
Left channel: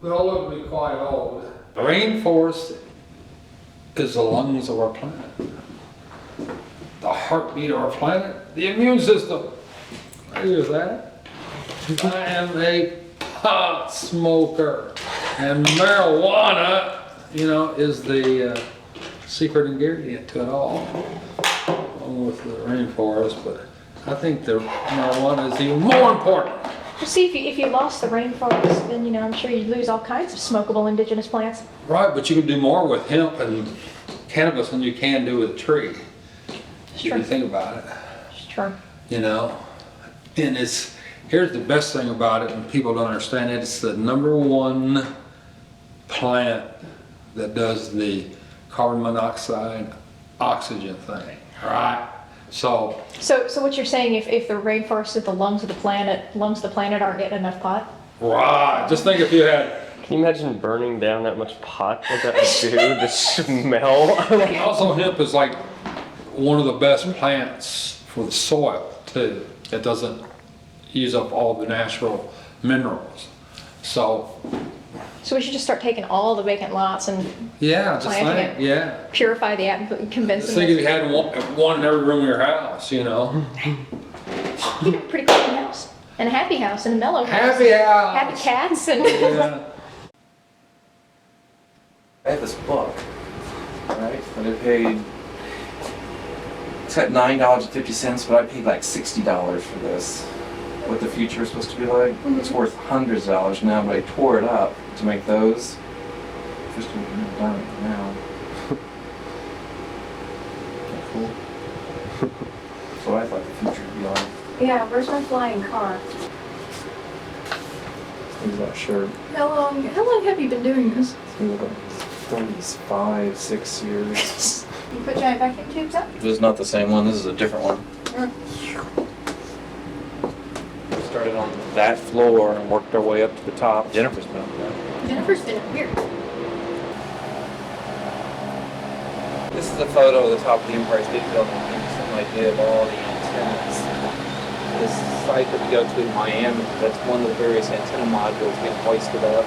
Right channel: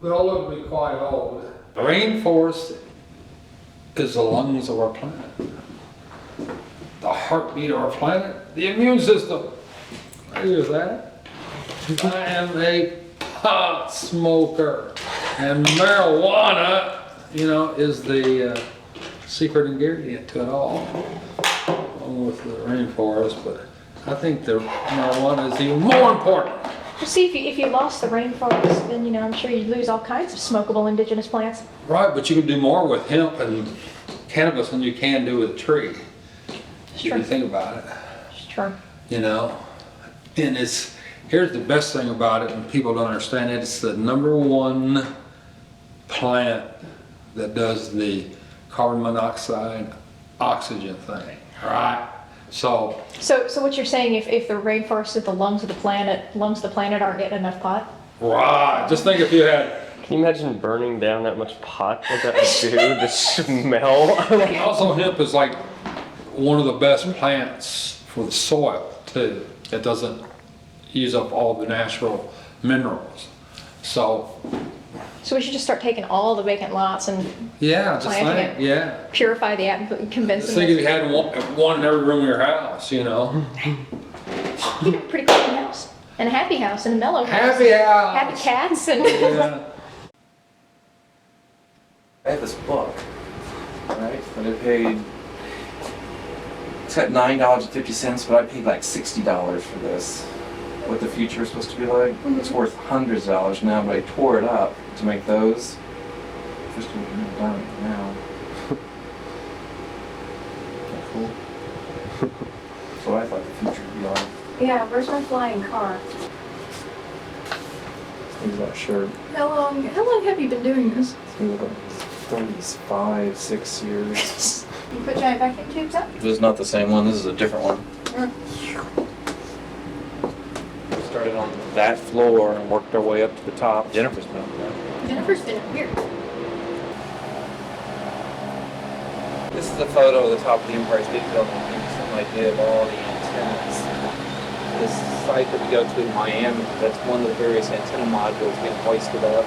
they all look to be quite old. The rainforest is the lungs of our planet. The heartbeat of our planet. The immune system. Here's that. I am a pot smoker. And marijuana, you know, is the secret ingredient to it all. Along with the rainforest, but I think the marijuana is even more important. Well, see, if you lost the rainforest, then, you know, I'm sure you'd lose all kinds of smokable indigenous plants. Right, but you can do more with hemp and cannabis than you can do with a tree. If you think about it. It's true. You know, and here's the best thing about it, and people don't understand it, it's the #1 plant that does the carbon monoxide oxygen thing, right? So what you're saying, if the rainforest is the lungs of the planet aren't getting enough pot? right, just think if you had. Can you imagine burning down that much pot? What that would do? The smell. Also, hemp is like one of the best plants for the soil too. It doesn't use up all the natural minerals. So we should just start taking all the vacant lots and yeah, just planting think, it. yeah. Purify the atmosphere, convince Just them. think if you had one in every room of your house, you know. You have a pretty clean house. And a happy house and a mellow house. Happy house. Happy cats and Yeah. I have this book, right? And I paid, it's got $9.50, but I paid like $60 for this. What the future is supposed to be like. It's worth hundreds of dollars now, but I tore it up to make those. Just done it now. Cool. That's what I thought the future would be like. yeah, where's my flying car? Things that shirt. How long have you been doing this? Things like 35, 6 years. You put giant vacuum tubes up? This is not the same one. This is a different one. Started on that floor and worked our way up to the top. Jennifer's been up there. Jennifer's been up here. This is a photo of the top of the Empire State Building. It gives you some idea of all the antennas. This site that we go to in Miami, that's one of the various antenna modules being hoisted up.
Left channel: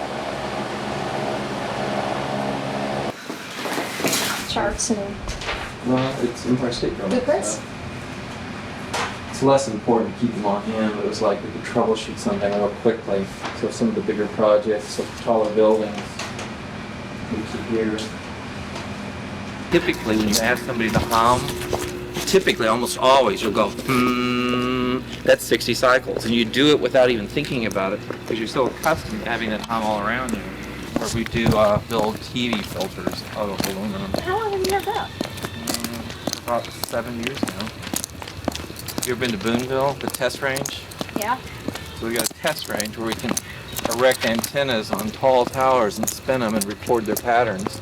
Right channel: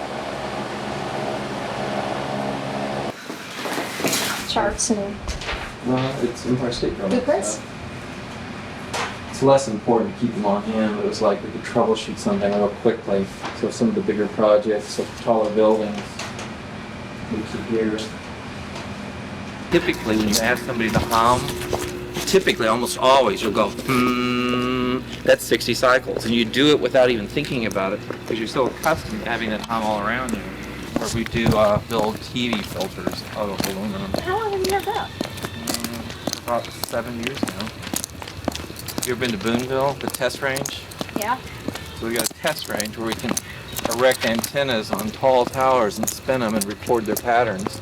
Charts and Well, it's Empire State Building. blueprints. It's less important to keep them on hand, but it was like we could troubleshoot something real quickly. So some of the bigger projects, the taller buildings, we keep here. Typically, when you ask somebody to hum, typically, almost always, you'll go, that's 60 cycles. And you do it without even thinking about it, because you're so accustomed to having that hum all around you. Or we do build TV filters out of aluminum. How long have you had that? About 7 years now. You ever been to Boonville, the test range? Yeah. So we got a test range where we can erect antennas on tall towers and spin them and record their patterns.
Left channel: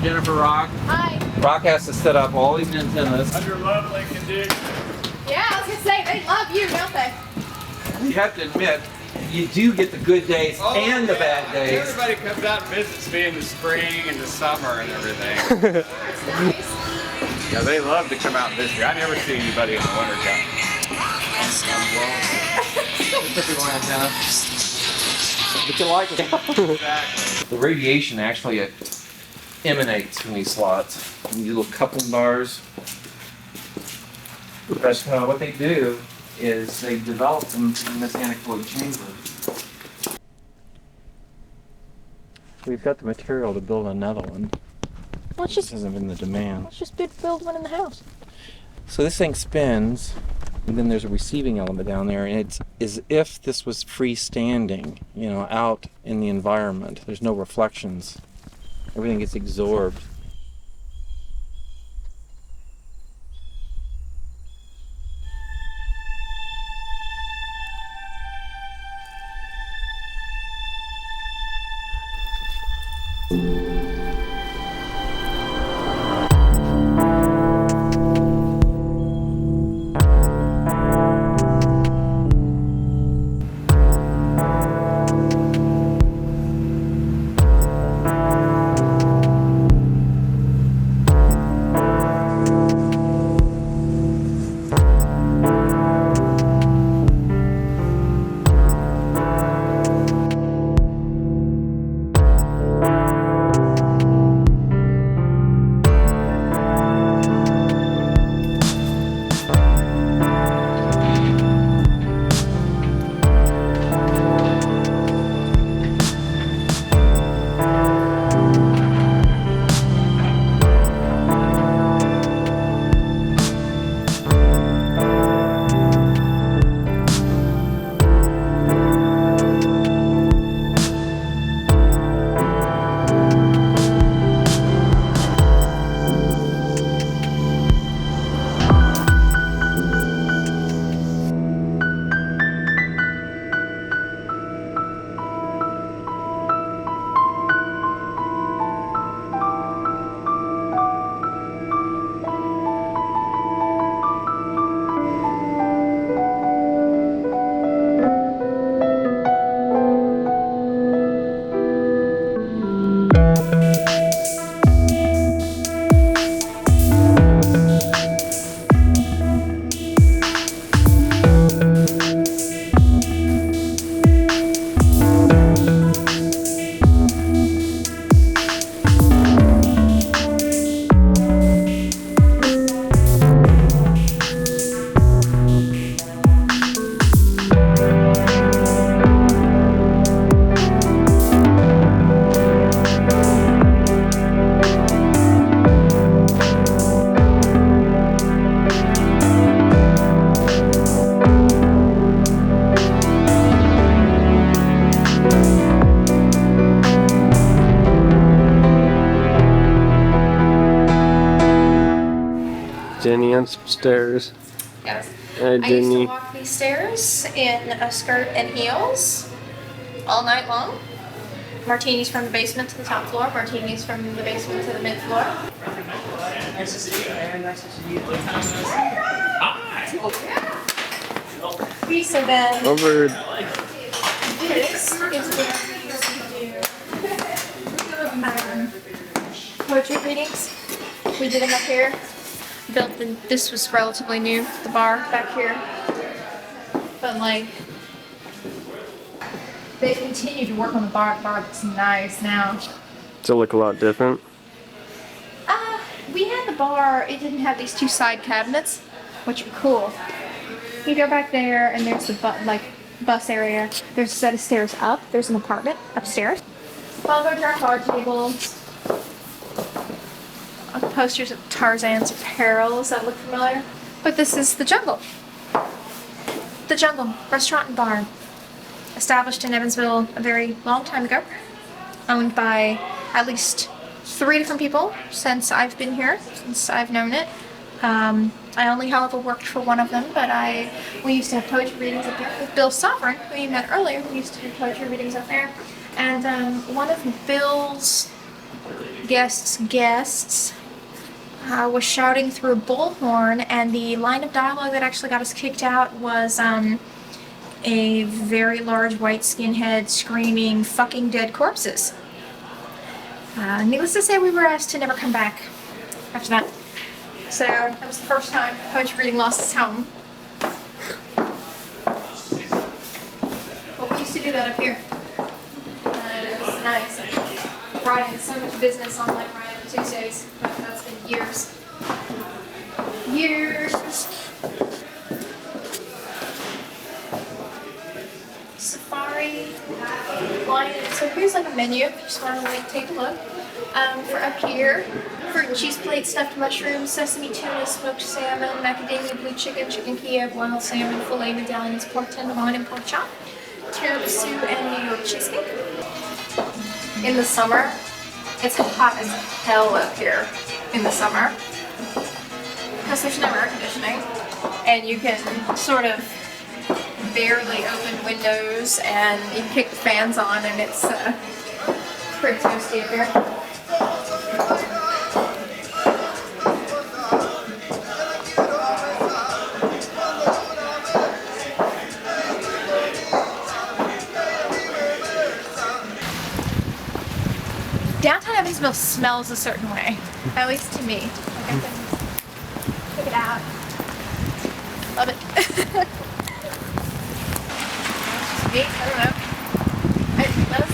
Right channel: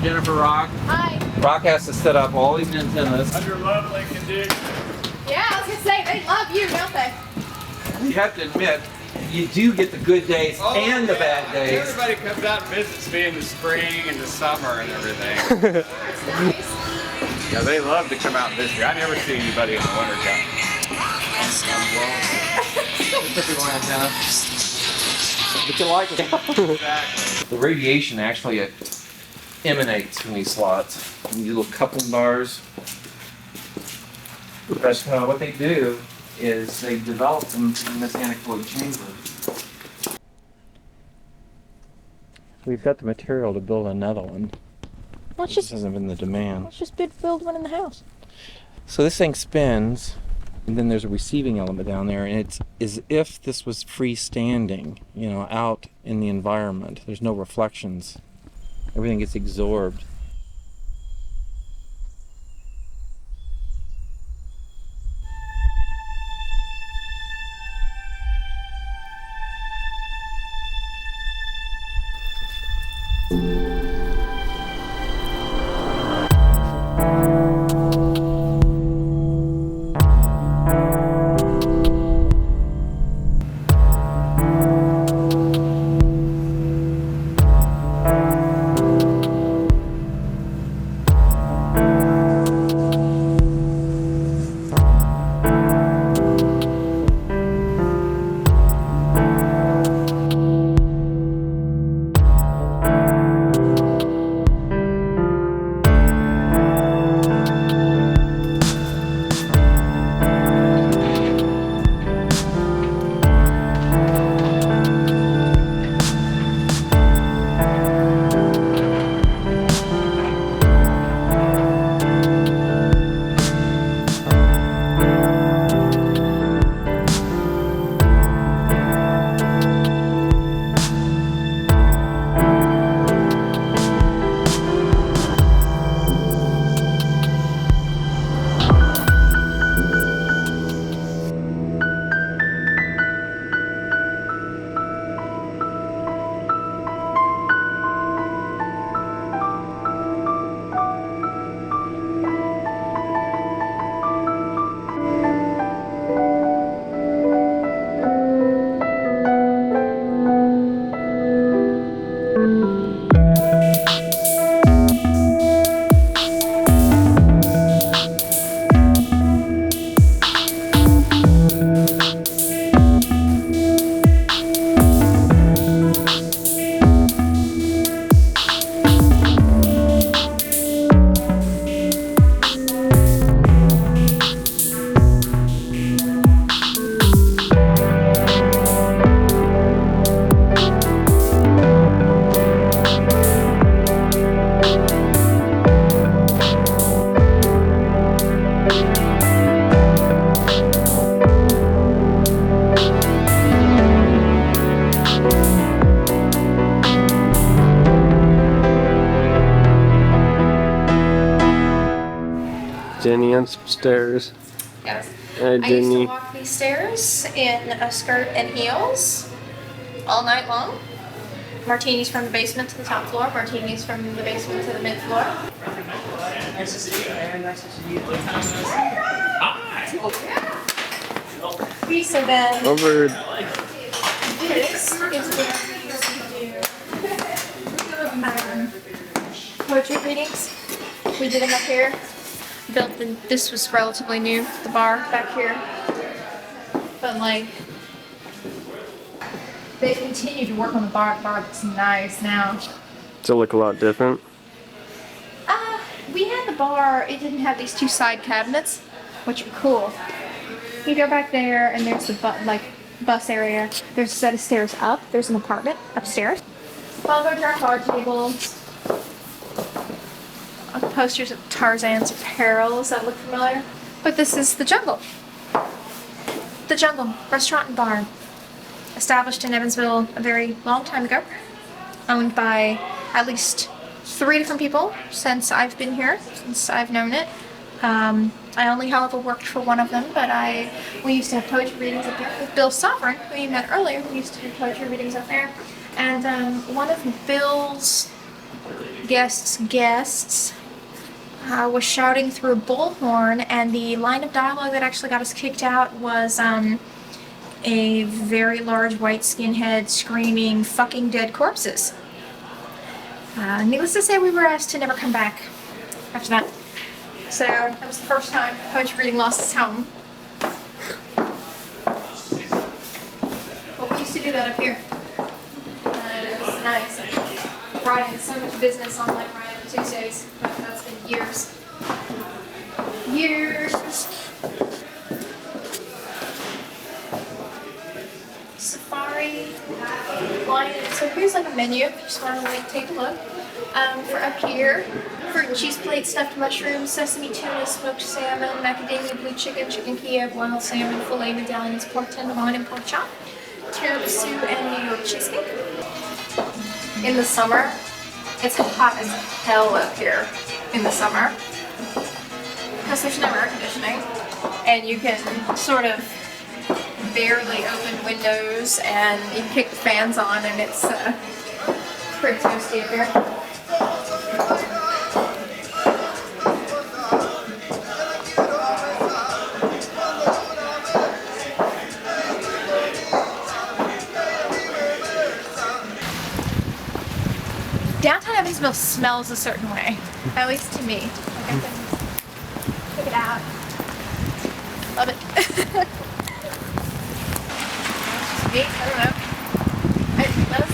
Jennifer Rock. Hi. Rock has to set up all these antennas. Under lovely conditions. Yeah, I was gonna say, they love you, don't they? You have to admit, you do get the good days and the bad days. Everybody comes out and visits me in the spring and the summer and everything. Yeah, they love to come out and visit me. I never see anybody in the winter time. But you like it. The radiation actually emanates from these slots. these little coupling bars. But what they do is they develop them in this anechoic chamber. We've got the material to build another one. Let's This hasn't been the demand. Let's just build one in the house. So this thing spins, and then there's a receiving element down there, and it's as if this was freestanding, you know, out in the environment. There's no reflections. Everything gets absorbed. Jenny on some stairs. Yes. Hi, I used to Jenny. walk these stairs in a skirt and heels all night long. Martinis from the basement to the top floor, martinis from the basement to the mid floor. Nice to see you. Nice to see you. So then, Over. this is where we used to do poetry readings. We did them up here. This was relatively new, the bar back here. But like, they continue to work on the bar. The bar looks nice now. Does it look a lot different? We had the bar, it didn't have these two side cabinets, which are cool. You go back there and there's the bus area. There's a set of stairs up. There's an apartment upstairs. I'll go to our card tables. Posters of Tarzan's perils that look familiar. But this is the Jungle. The Jungle, restaurant and bar. Established in Evansville a very long time ago. Owned by at least 3 different people since I've been here, since I've known it. I only, however, worked for one of them, but we used to have poetry readings up there with Bill Sovereign, who you met earlier. We used to do poetry readings up there. And one of Bill's guests was shouting through a bullhorn, and the line of dialogue that actually got us kicked out was a very large white skinhead screaming, "Fucking dead corpses." Needless to say, we were asked to never come back after that. So that was the first time poetry reading lost its home. But we used to do that up here. It was nice. Brought in so much business on like Ryan. Tuesdays. That's been years. Years. Safari line. So here's like a menu. If you just want to like take a look. For up here, fruit and cheese plate, stuffed mushrooms, sesame tuna, smoked salmon, macadamia blue chicken, chicken Kiev, wild salmon, filet medallions, pork tenderloin, and pork chop, tiramisu, and New York cheesecake. In the summer, it's hot as hell up here in the summer because there's no air conditioning, and you can sort of barely open windows, and you can kick the fans on, and it's pretty toasty up here. Downtown Evansville smells a certain way, at least to me. Like I can pick it out. Love it. Me? I don't know. It does.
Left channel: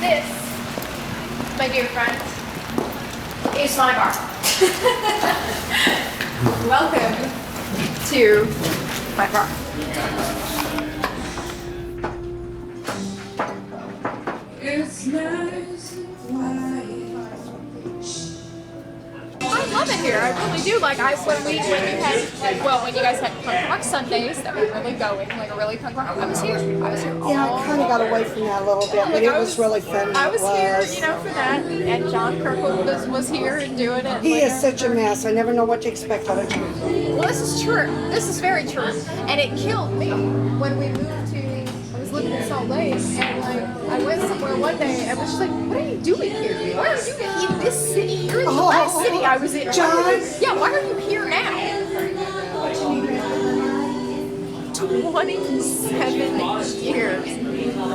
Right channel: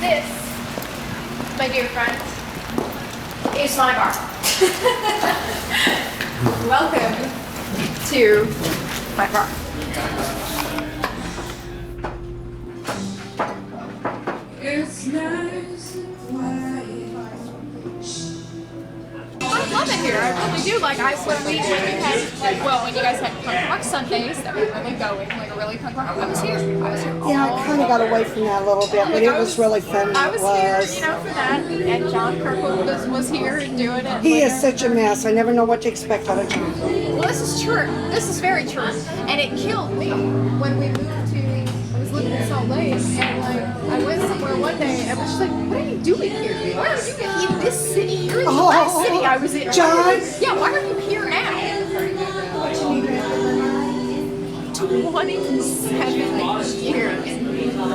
This, my dear friends, is my bar. Welcome to my bar. It's nice and quiet. I love it here. I really do. Like when you guys had punk rock Sundays that were really going, like a really punk rock. I was here. Yeah, I kind of got away from that a little bit, but it was really fun. I was here, for that, and John Kirkwood was here and doing it. He is such a mess. I never know what to expect out of him. Well, this is true. This is very true, and it killed me when we moved to. I was living in Salt Lake, and I went somewhere one day and was just like, "What are you doing here? Why are you in this city? You're in the last city I was in." John. Why are you here now? 27 years.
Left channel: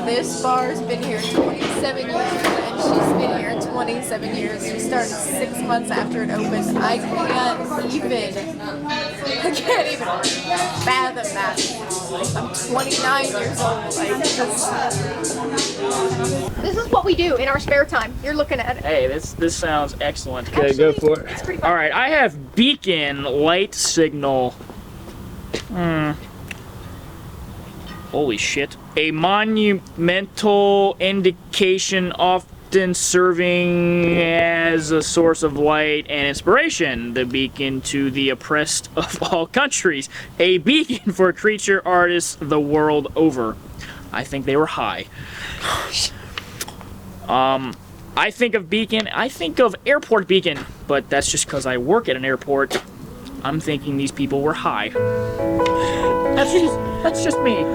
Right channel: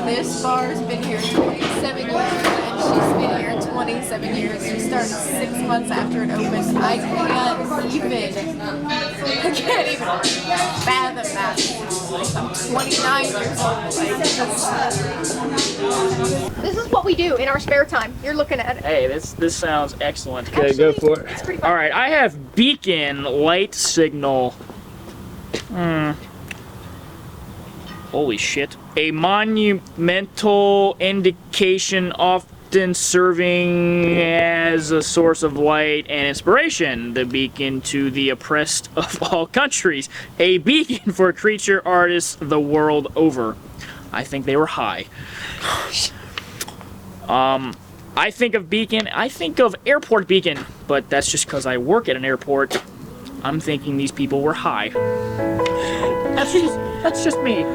This bar's been here 27 years, and she's been here 27 years. She started 6 months after it opened. I can't even fathom that. I'm 29 years old. This is what we do in our spare time. You're looking at it. Hey, this sounds excellent. Okay, go for it. All right, I have beacon light signal. Holy shit. A monumental indication often serving as a source of light and inspiration. The beacon to the oppressed of all countries. A beacon for creature artists the world over. I think they were high. I think of beacon, I think of airport beacon, but that's just because I work at an airport. I'm thinking these people were high. That's just me.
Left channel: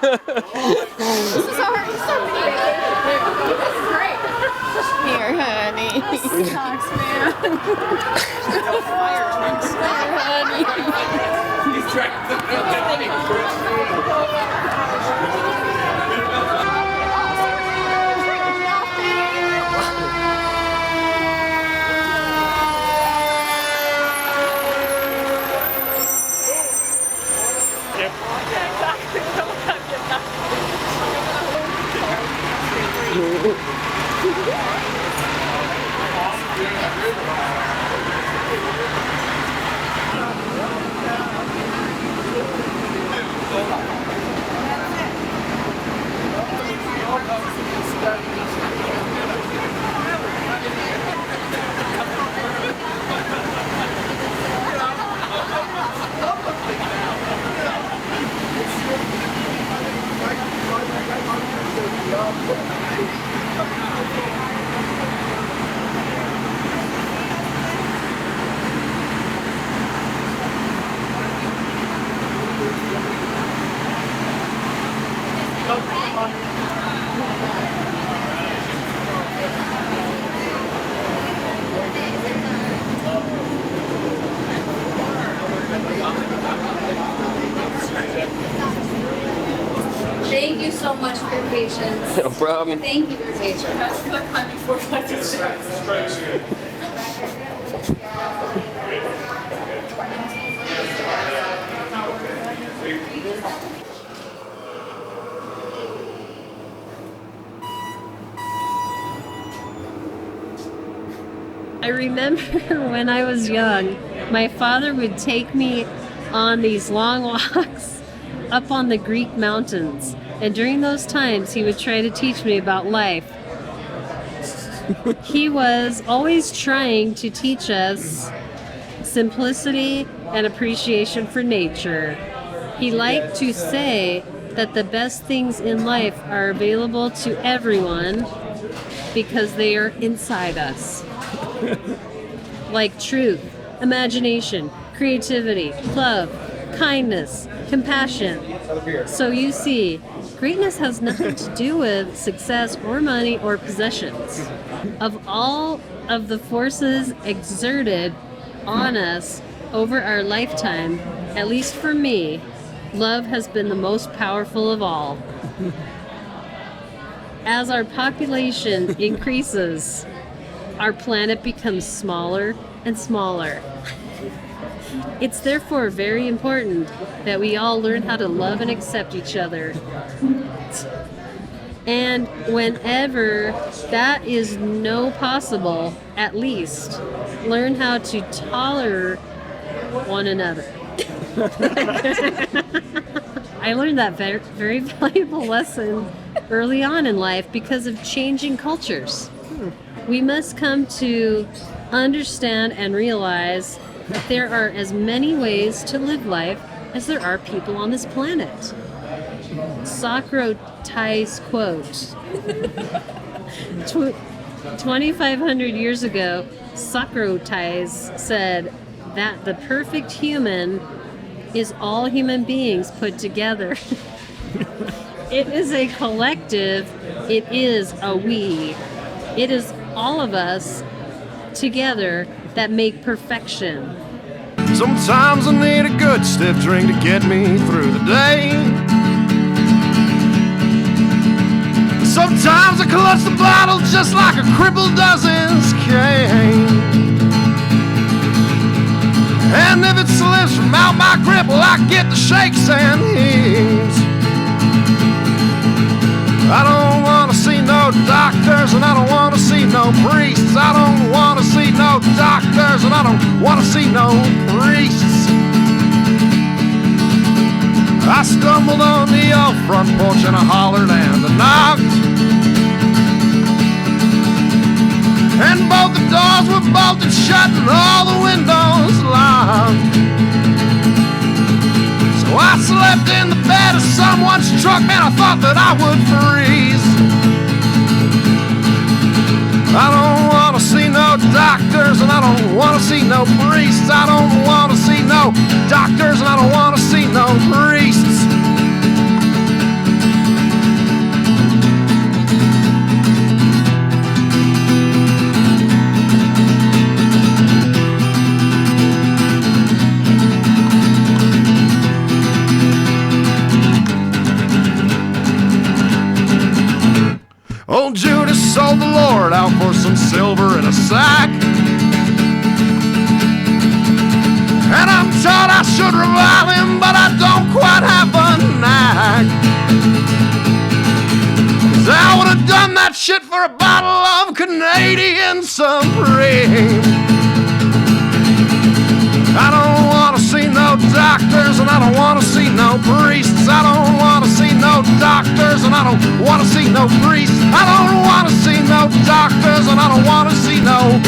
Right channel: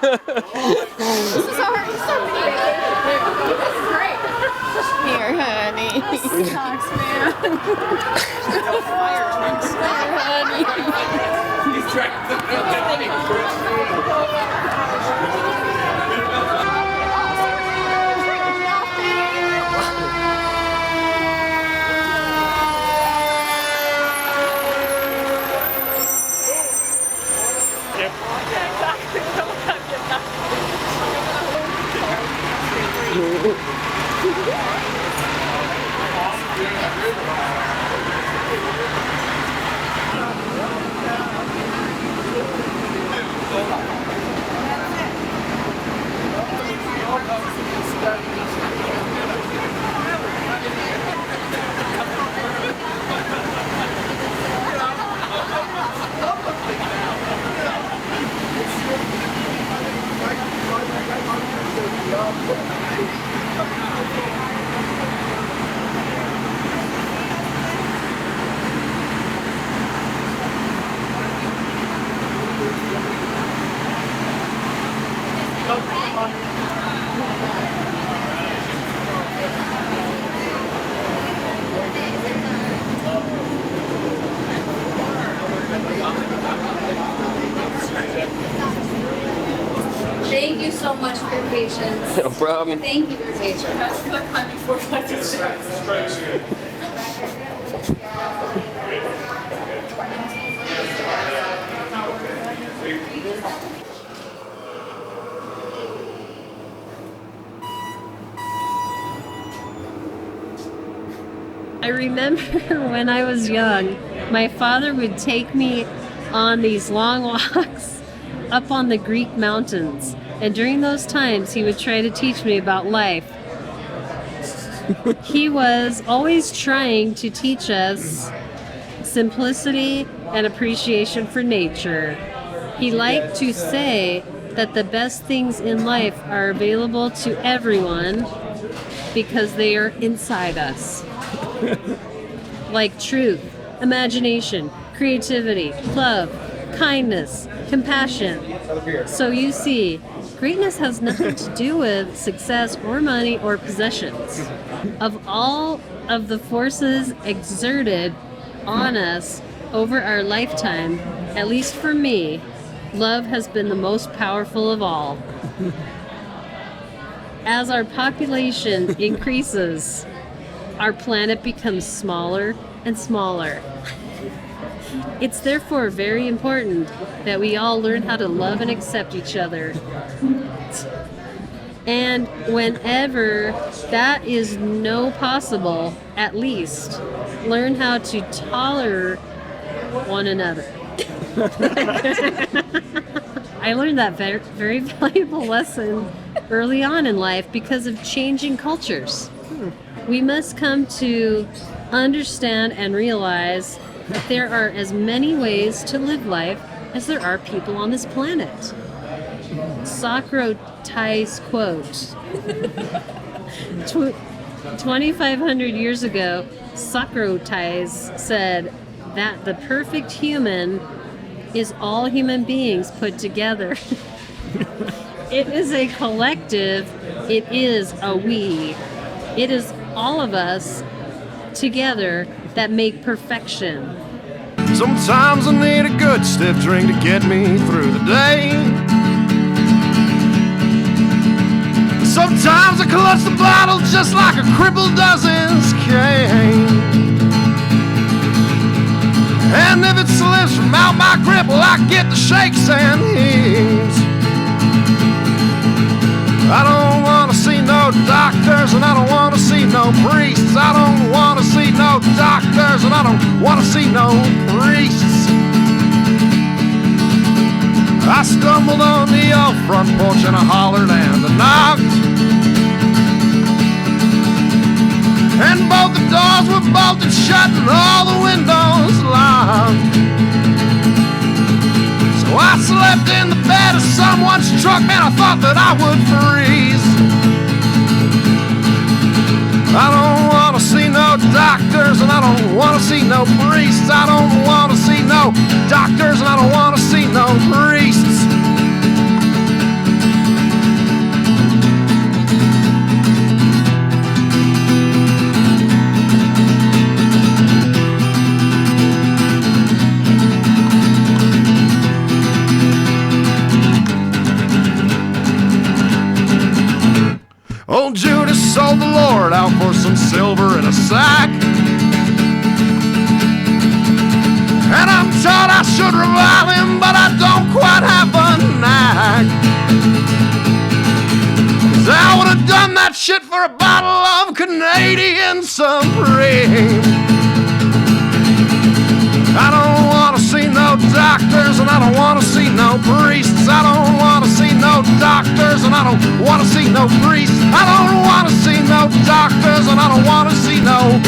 This is already so many. This is great. Here, honey. This sucks, man. Thank you so much for your patience. No problem. Thank you for your patience. I remember when I was young, my father would take me on these long walks up on the Greek mountains. And during those times, he would try to teach me about life. He was always trying to teach us simplicity and appreciation for nature. He liked to say that the best things in life are available to everyone because they are inside us. Like truth, imagination, creativity, love, kindness, compassion. So you see, greatness has nothing to do with success or money or possessions. Of all of the forces exerted on us over our lifetime, at least for me, love has been the most powerful of all. As our population increases, our planet becomes smaller and smaller. It's therefore very important that we all learn how to love and accept each other. And whenever that is no possible, at least learn how to tolerate one another. I learned that very, very valuable lesson early on in life because of changing cultures. We must come to understand and realize that there are as many ways to live life as there are people on this planet. Socrates quote. 2,500 years ago, Socrates said that the perfect human is all human beings put together. It is a collective, it is a we. It is all of us together that make perfection. Sometimes I need a good stiff drink to get me through the day. Sometimes I clutch the bottle just like a cripple does his cane. And if it slips from out my grip, well, I get the shakes and heaves. I don't want to see no doctors, and I don't want to see no priests. I don't want to see no doctors, and I don't want to see no priests. I stumbled on the old front porch and I hollered and I knocked. And both the doors were bolted shut and all the windows locked. So I slept in the bed of someone's truck, and I thought that I would freeze. I don't want to see no doctors, and I don't want to see no priests. I don't want to see no doctors, and I don't want to see no priests. old Judas sold the Lord out for some silver in a sack. And I'm told I should revive him, but I don't quite have a knack. 'Cause I would have done that shit for a bottle of Canadian Supreme. I don't want to see no doctors, and I don't want to see no priests. I don't want to see no doctors, and I don't want to see no priests. I don't want to see no doctors, and I don't want to see no